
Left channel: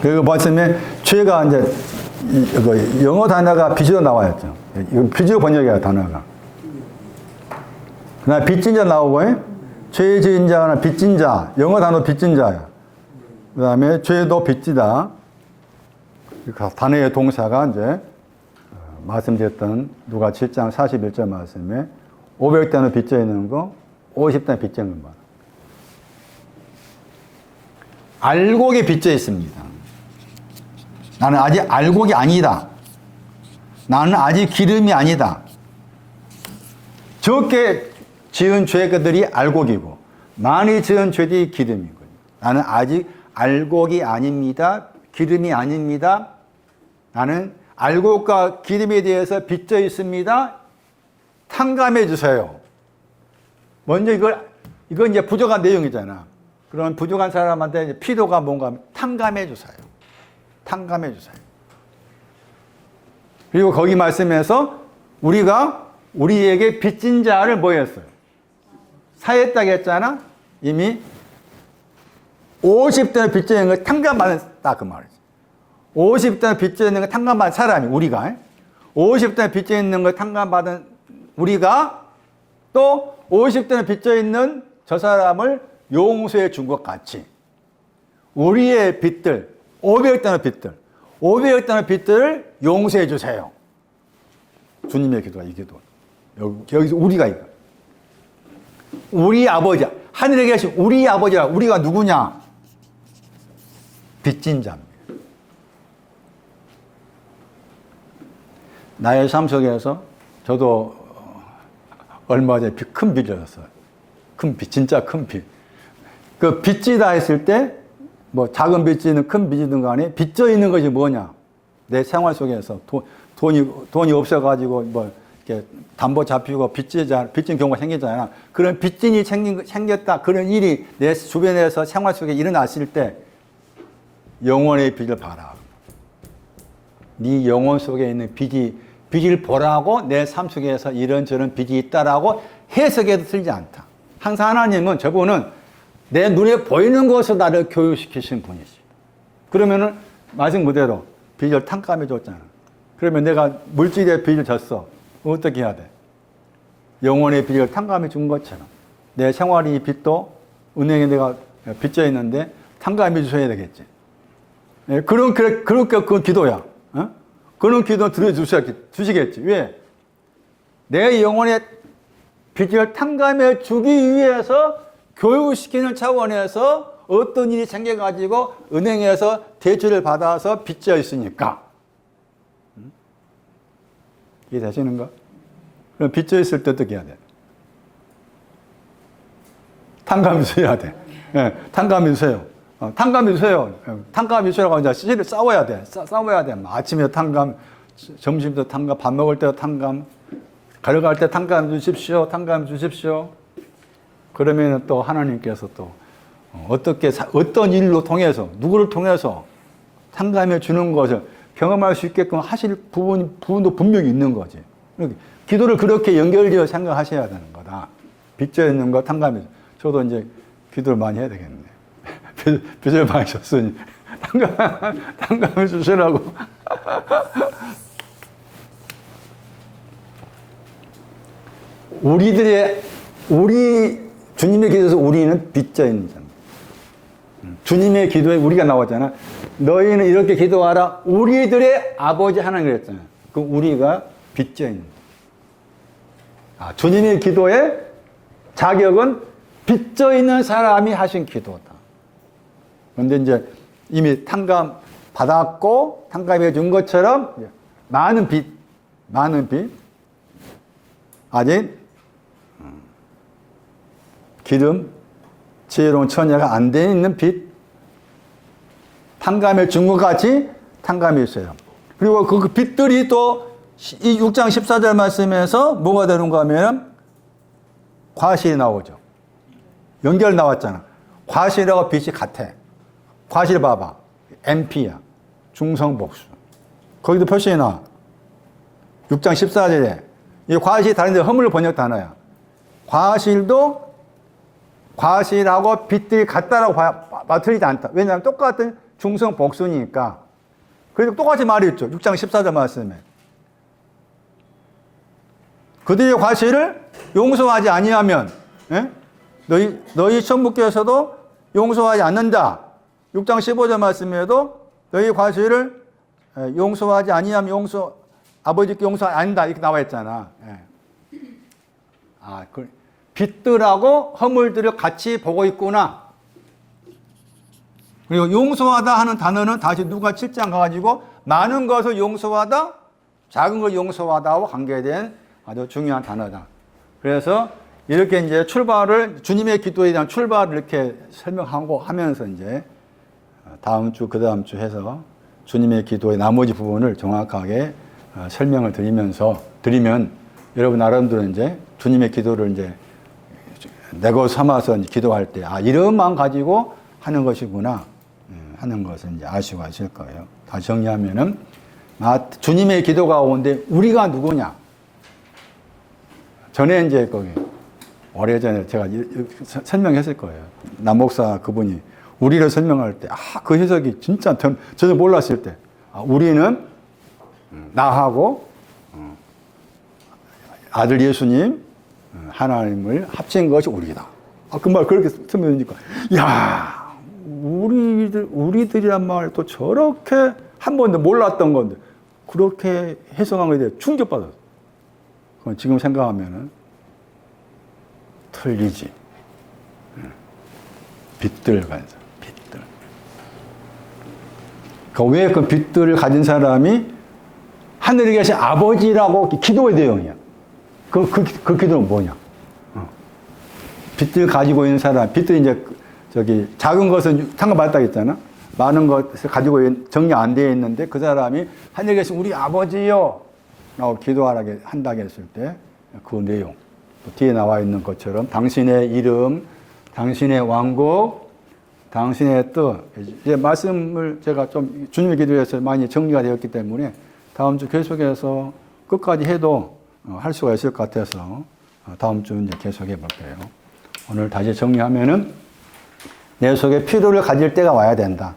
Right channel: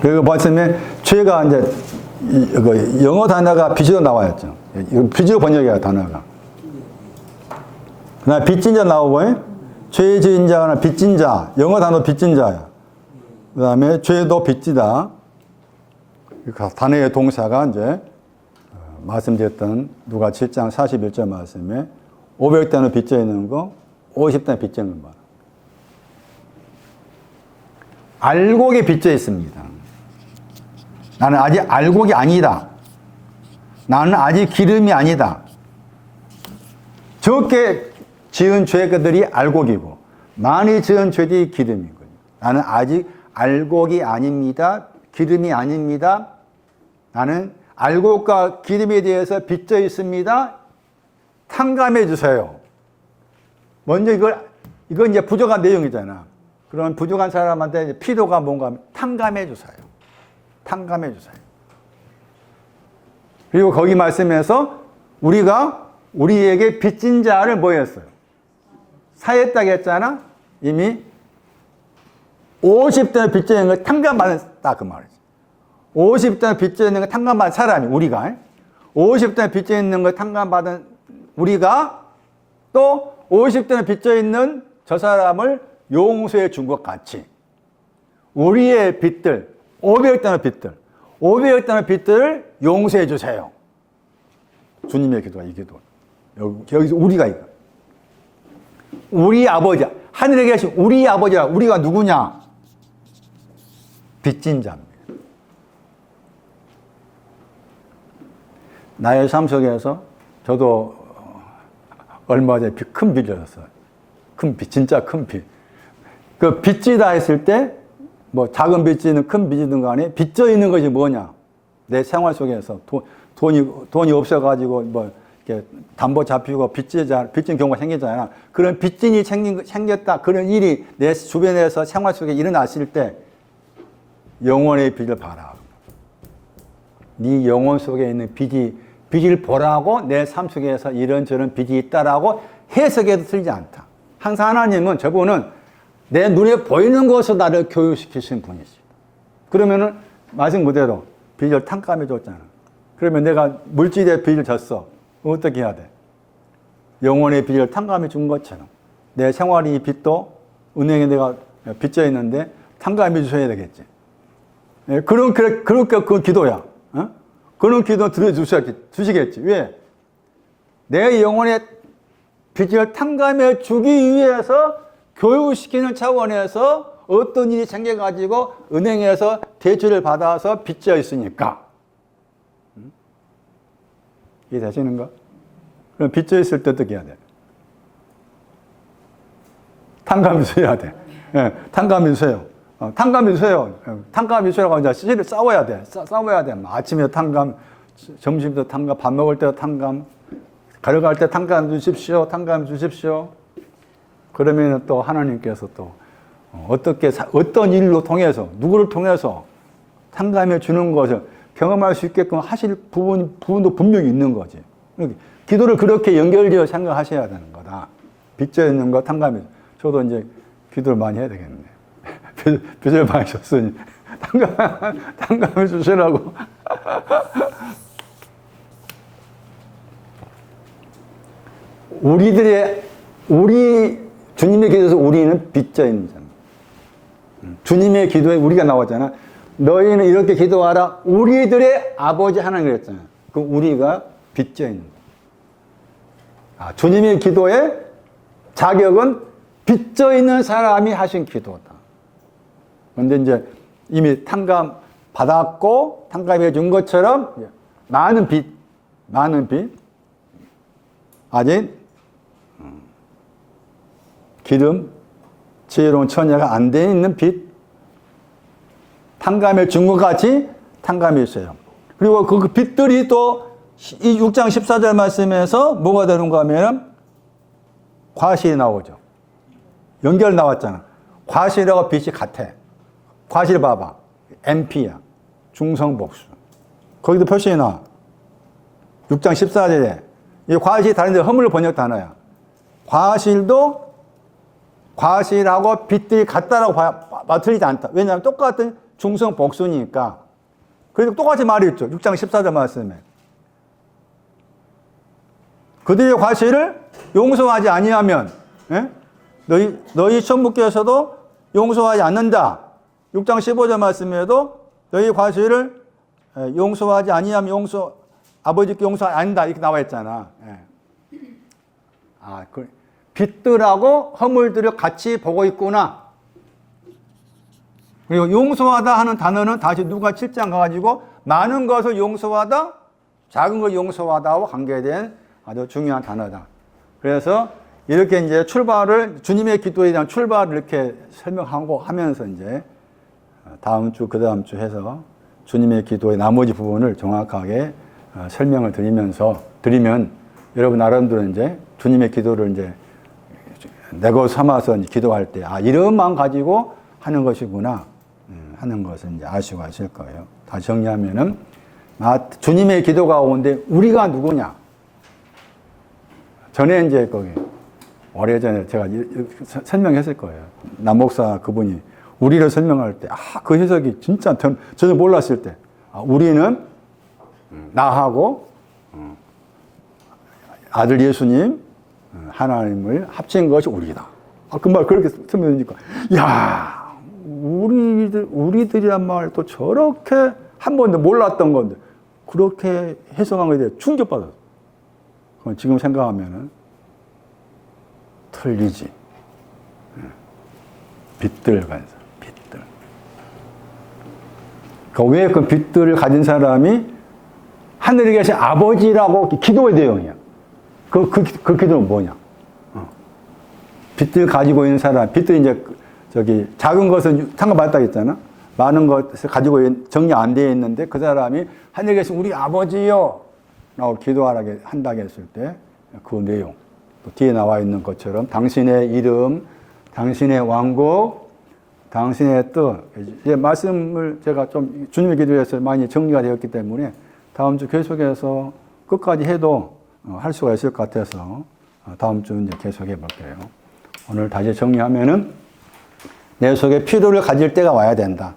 그리고 말씀에 죄가 이제 영어 단어가 빛으로 나와였죠. 이거 빛으로 번역이야, 단어가. 그 다음에 빚진 자 나오고, 죄의 지은 자나 빚진 자, 영어 단어 빚진 자야. 그 다음에 죄도 빚지다. 단어의 동사가 이제, 말씀드렸던 누가 7장 41절 말씀에 500단을 빚져 있는 거, 50단 빚져 있는 거. 알곡에 빚져 있습니다. 나는 아직 알곡이 아니다. 나는 아직 기름이 아니다. 적게 지은 죄들이 알곡이고 많이 지은 죄들이 기름이거든요. 나는 아직 알곡이 아닙니다. 기름이 아닙니다. 나는 알곡과 기름에 대해서 빚져 있습니다. 탕감해 주세요. 먼저 이건 이제 부족한 내용이잖아. 그런 부족한 사람한테 이제 필요가 뭔가 하면 탕감해 주세요. 탕감해 주세요. 그리고 거기 말씀에서 우리가 우리에게 빚진 자를 뭐 했어요? 사했다고 했잖아? 이미 50대 빚져 있는 걸 탕감받았다 그 말이지. 50대 빚져 있는 걸 탕감받은 사람이 우리가 50대 빚져 있는 걸 탕감받은 우리가 또 50대는 빚져 있는 저 사람을 용서해 준 것 같이 우리의 빚들 500단의 빚들을 용서해 주세요. 주님의 기도가 이 기도. 여기서 우리가 이거. 우리 아버지, 하늘에 계신 우리 아버지라. 우리가 누구냐? 빚진 자입니다. 나의 삶 속에서 저도 얼마 전에 큰 빚을 졌어요. 큰 빚, 진짜 큰 빚. 그 빚지다 했을 때, 뭐 작은 빚지는 큰 빚이든 간에 빚져 있는 것이 뭐냐? 내 생활 속에서 돈이 없어가지고 뭐 이렇게 담보 잡히고 빚진 경우가 생기잖아요. 그런 빚진이 생겼다. 그런 일이 내 주변에서 생활 속에 일어났을 때 영혼의 빚을 봐라. 네 영혼 속에 있는 빚을 보라고 내 삶 속에서 이런저런 빚이 있다라고 해석해도 틀리지 않다. 항상 하나님은 저분은 내 눈에 보이는 것으로 나를 교육시키신 분이십니다. 그러면은 말씀 그대로 빚을 탕감해 줬잖아. 그러면 내가 물질의 빚을 졌어. 어떻게 해야 돼? 영혼의 빚을 탕감해 준 것처럼 내 생활의 빚도 은행에 내가 빚져 있는데 탕감해 주셔야 되겠지. 그렇게 그 기도야. 어? 그런 기도 들어주시겠지. 왜? 내 영혼의 빚을 탕감해 주기 위해서 교육시키는 차원에서 어떤 일이 생겨가지고 은행에서 대출을 받아서 빚져 있으니까. 이해되시는가? 그럼 빚져 있을 때 어떻게 해야 돼? 탕감해 주셔야 돼. 네, 탕감해 주세요. 탕감해 주세요. 탕감해 주시라고 이제 시시를 싸워야 돼. 싸워야 돼. 아침에 탕감, 점심도 탕감, 밥 먹을 때도 탕감, 가려갈 때 탕감해 주십시오. 탕감해 주십시오. 그러면 또 하나님께서 또 어떤 일로 통해서, 누구를 통해서 탕감해 주는 것을 경험할 수 있게끔 하실 부분도 분명히 있는 거지. 기도를 그렇게 연결되어 생각하셔야 되는 거다. 빚져 있는 거 탕감해. 저도 이제 기도를 많이 해야 되겠네. 빚을 많이 졌으니 탕감해 주시라고. 우리 주님의 기도에서 우리는 빚져 있는 자. 주님의 기도에 우리가 나왔잖아. 너희는 이렇게 기도하라. 우리들의 아버지 하나님 그랬잖아. 그 우리가 빚져 있는. 주님의 기도의 자격은 빚져 있는 사람이 하신 기도다. 그런데 이제 이미 탕감 받았고 탕감해 준 것처럼 많은 빚, 아직 기름, 지혜로운 처녀가 안 돼 있는 빚, 탕감해 준 것 같이 탕감해 있어요. 그리고 그 빚들이 또 이 6장 14절 말씀에서 뭐가 되는가 하면 과실이 나오죠. 연결 나왔잖아. 과실하고 빚이 같아. 과실 봐봐. MP야. 중성복수. 거기도 표시해 놔. 6장 14절에. 이 과실이 다른데 허물 번역 단어야. 과실하고 빚들이 같다라고 봐 틀리지 않다. 왜냐하면 똑같은 중성복수니까. 그래서 똑같이 말이 있죠. 6장 14절 말씀에. 그들의 과실을 용서하지 아니하면 너희 천부께서도 용서하지 않는다. 6장 15절 말씀에도 너희 과실을 용서하지 아니하면 아버지께 용서하지 않는다. 이렇게 나와 있잖아. 빚들하고 허물들을 같이 보고 있구나. 그리고 용서하다 하는 단어는 다시 누가 7장 가가지고 많은 것을 용서하다, 작은 걸 용서하다와 관계된 아주 중요한 단어다. 그래서 이렇게 이제 출발을, 주님의 기도에 대한 출발을 이렇게 설명하고 하면서 이제 다음 주, 그 다음 주 해서 주님의 기도의 나머지 부분을 정확하게 설명을 드리면 여러분 나름대로 이제 주님의 기도를 이제 내고 삼아서 이제 기도할 때, 아, 이런 마음 가지고 하는 것이구나 하는 것을 이제 아시고 하실 거예요. 다시 정리하면은, 주님의 기도 가운데 우리가 누구냐? 전에 이제 거기 오래전에 제가 설명했을 거예요. 남 목사 그분이 우리를 설명할 때, 그 해석이 진짜 저도 몰랐을 때, 우리는 나하고 아들 예수님, 하나님을 합친 것이 우리다. 그 말 그렇게 설명하니까, 야, 우리들이란 말 또 저렇게 한 번도 몰랐던 건데, 그렇게 해석한 거에 대해 충격받았어. 지금 생각하면은 틀리지. 빛들 가진 사람, 빛들. 왜 그 빛들을 가진 사람이 하늘에 계신 아버지라고 기도의 내용이야. 그 기도는 뭐냐? 빛들 가지고 있는 사람, 빛들이 이제 작은 것은 상관받았다 했잖아. 많은 것을 가지고 정리 안 되어 있는데 그 사람이 하늘에 계신 우리 아버지요 라고 기도하게 한다고 했을 때 그 내용, 또 뒤에 나와 있는 것처럼 당신의 이름, 당신의 왕국, 당신의 뜻, 이제 말씀을 제가 좀 주님의 기도에서 많이 정리가 되었기 때문에 다음 주 계속해서 끝까지 해도 할 수가 있을 것 같아서 다음 주 이제 계속해 볼게요. 오늘 다시 정리하면은 내 속에 필요를 가질 때가 와야 된다.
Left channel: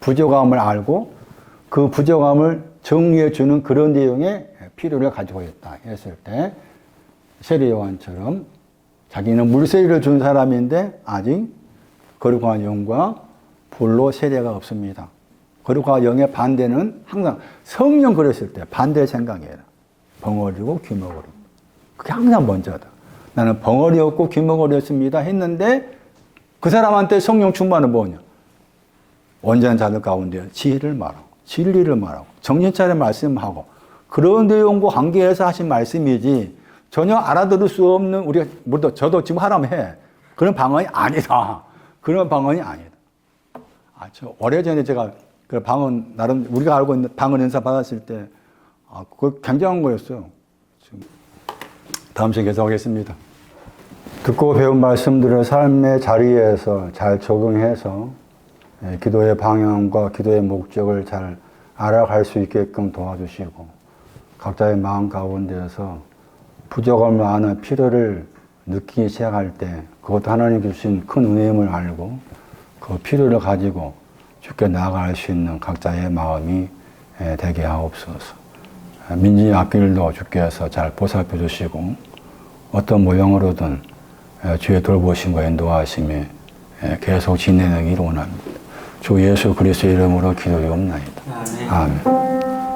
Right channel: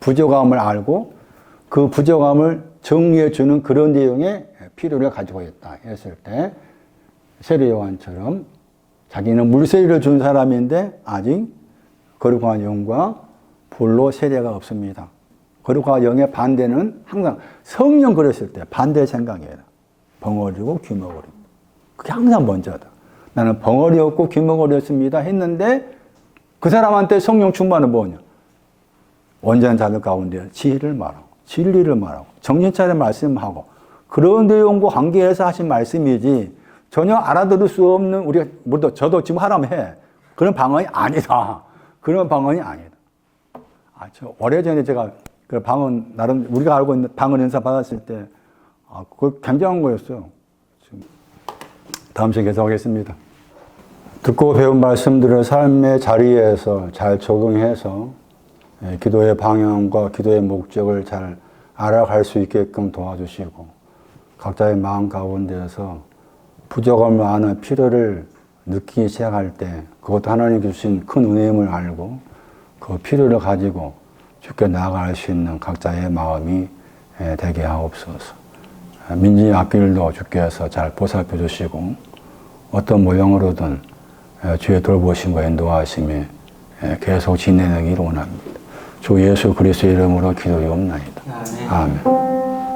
부족함을 알고 그 부족함을 정리해 주는 그런 내용의 필요를 가지고 있다 했을 때 세례 요한처럼 자기는 물세례를 준 사람인데 아직 거룩한 영과 불로 세례가 없습니다. 거룩한 영의 반대는 항상 성령 그랬을 때 반대 생각이에요. 벙어리고 귀머거리. 그게 항상 먼저다. 나는 벙어리 없고 귀머거리 없습니다 했는데 그 사람한테 성령 충만은 뭐냐? 온전한 자들 가운데 지혜를 말하고 진리를 말하고 정신 차려 말씀하고 그런 내용과 관계해서 하신 말씀이지 전혀 알아들을 수 없는 우리가 저도 지금 하라면 해. 그런 방언이 아니다. 그런 방언이 아니다. 오래전에 제가 그 방언 나름 우리가 알고 있는 방언 연사 받았을 때 그거 굉장한 거였어요. 지금 다음 시간에 계속하겠습니다. 듣고 배운 말씀들을 삶의 자리에서 잘 적용해서 기도의 방향과 기도의 목적을 잘 알아갈 수 있게끔 도와주시고 각자의 마음 가운데서 부족함을 아는 필요를 느끼기 시작할 때 그것도 하나님 주신 큰 은혜임을 알고 그 필요를 가지고 주께 나아갈 수 있는 각자의 마음이 되게 하옵소서. 민지 앞길도 주께서 잘 보살펴 주시고 어떤 모형으로든 주의 돌보심과 인도하심이 계속 지내기를 원합니다. 주 예수 그리스도의 이름으로 기도하옵나이다. 아멘.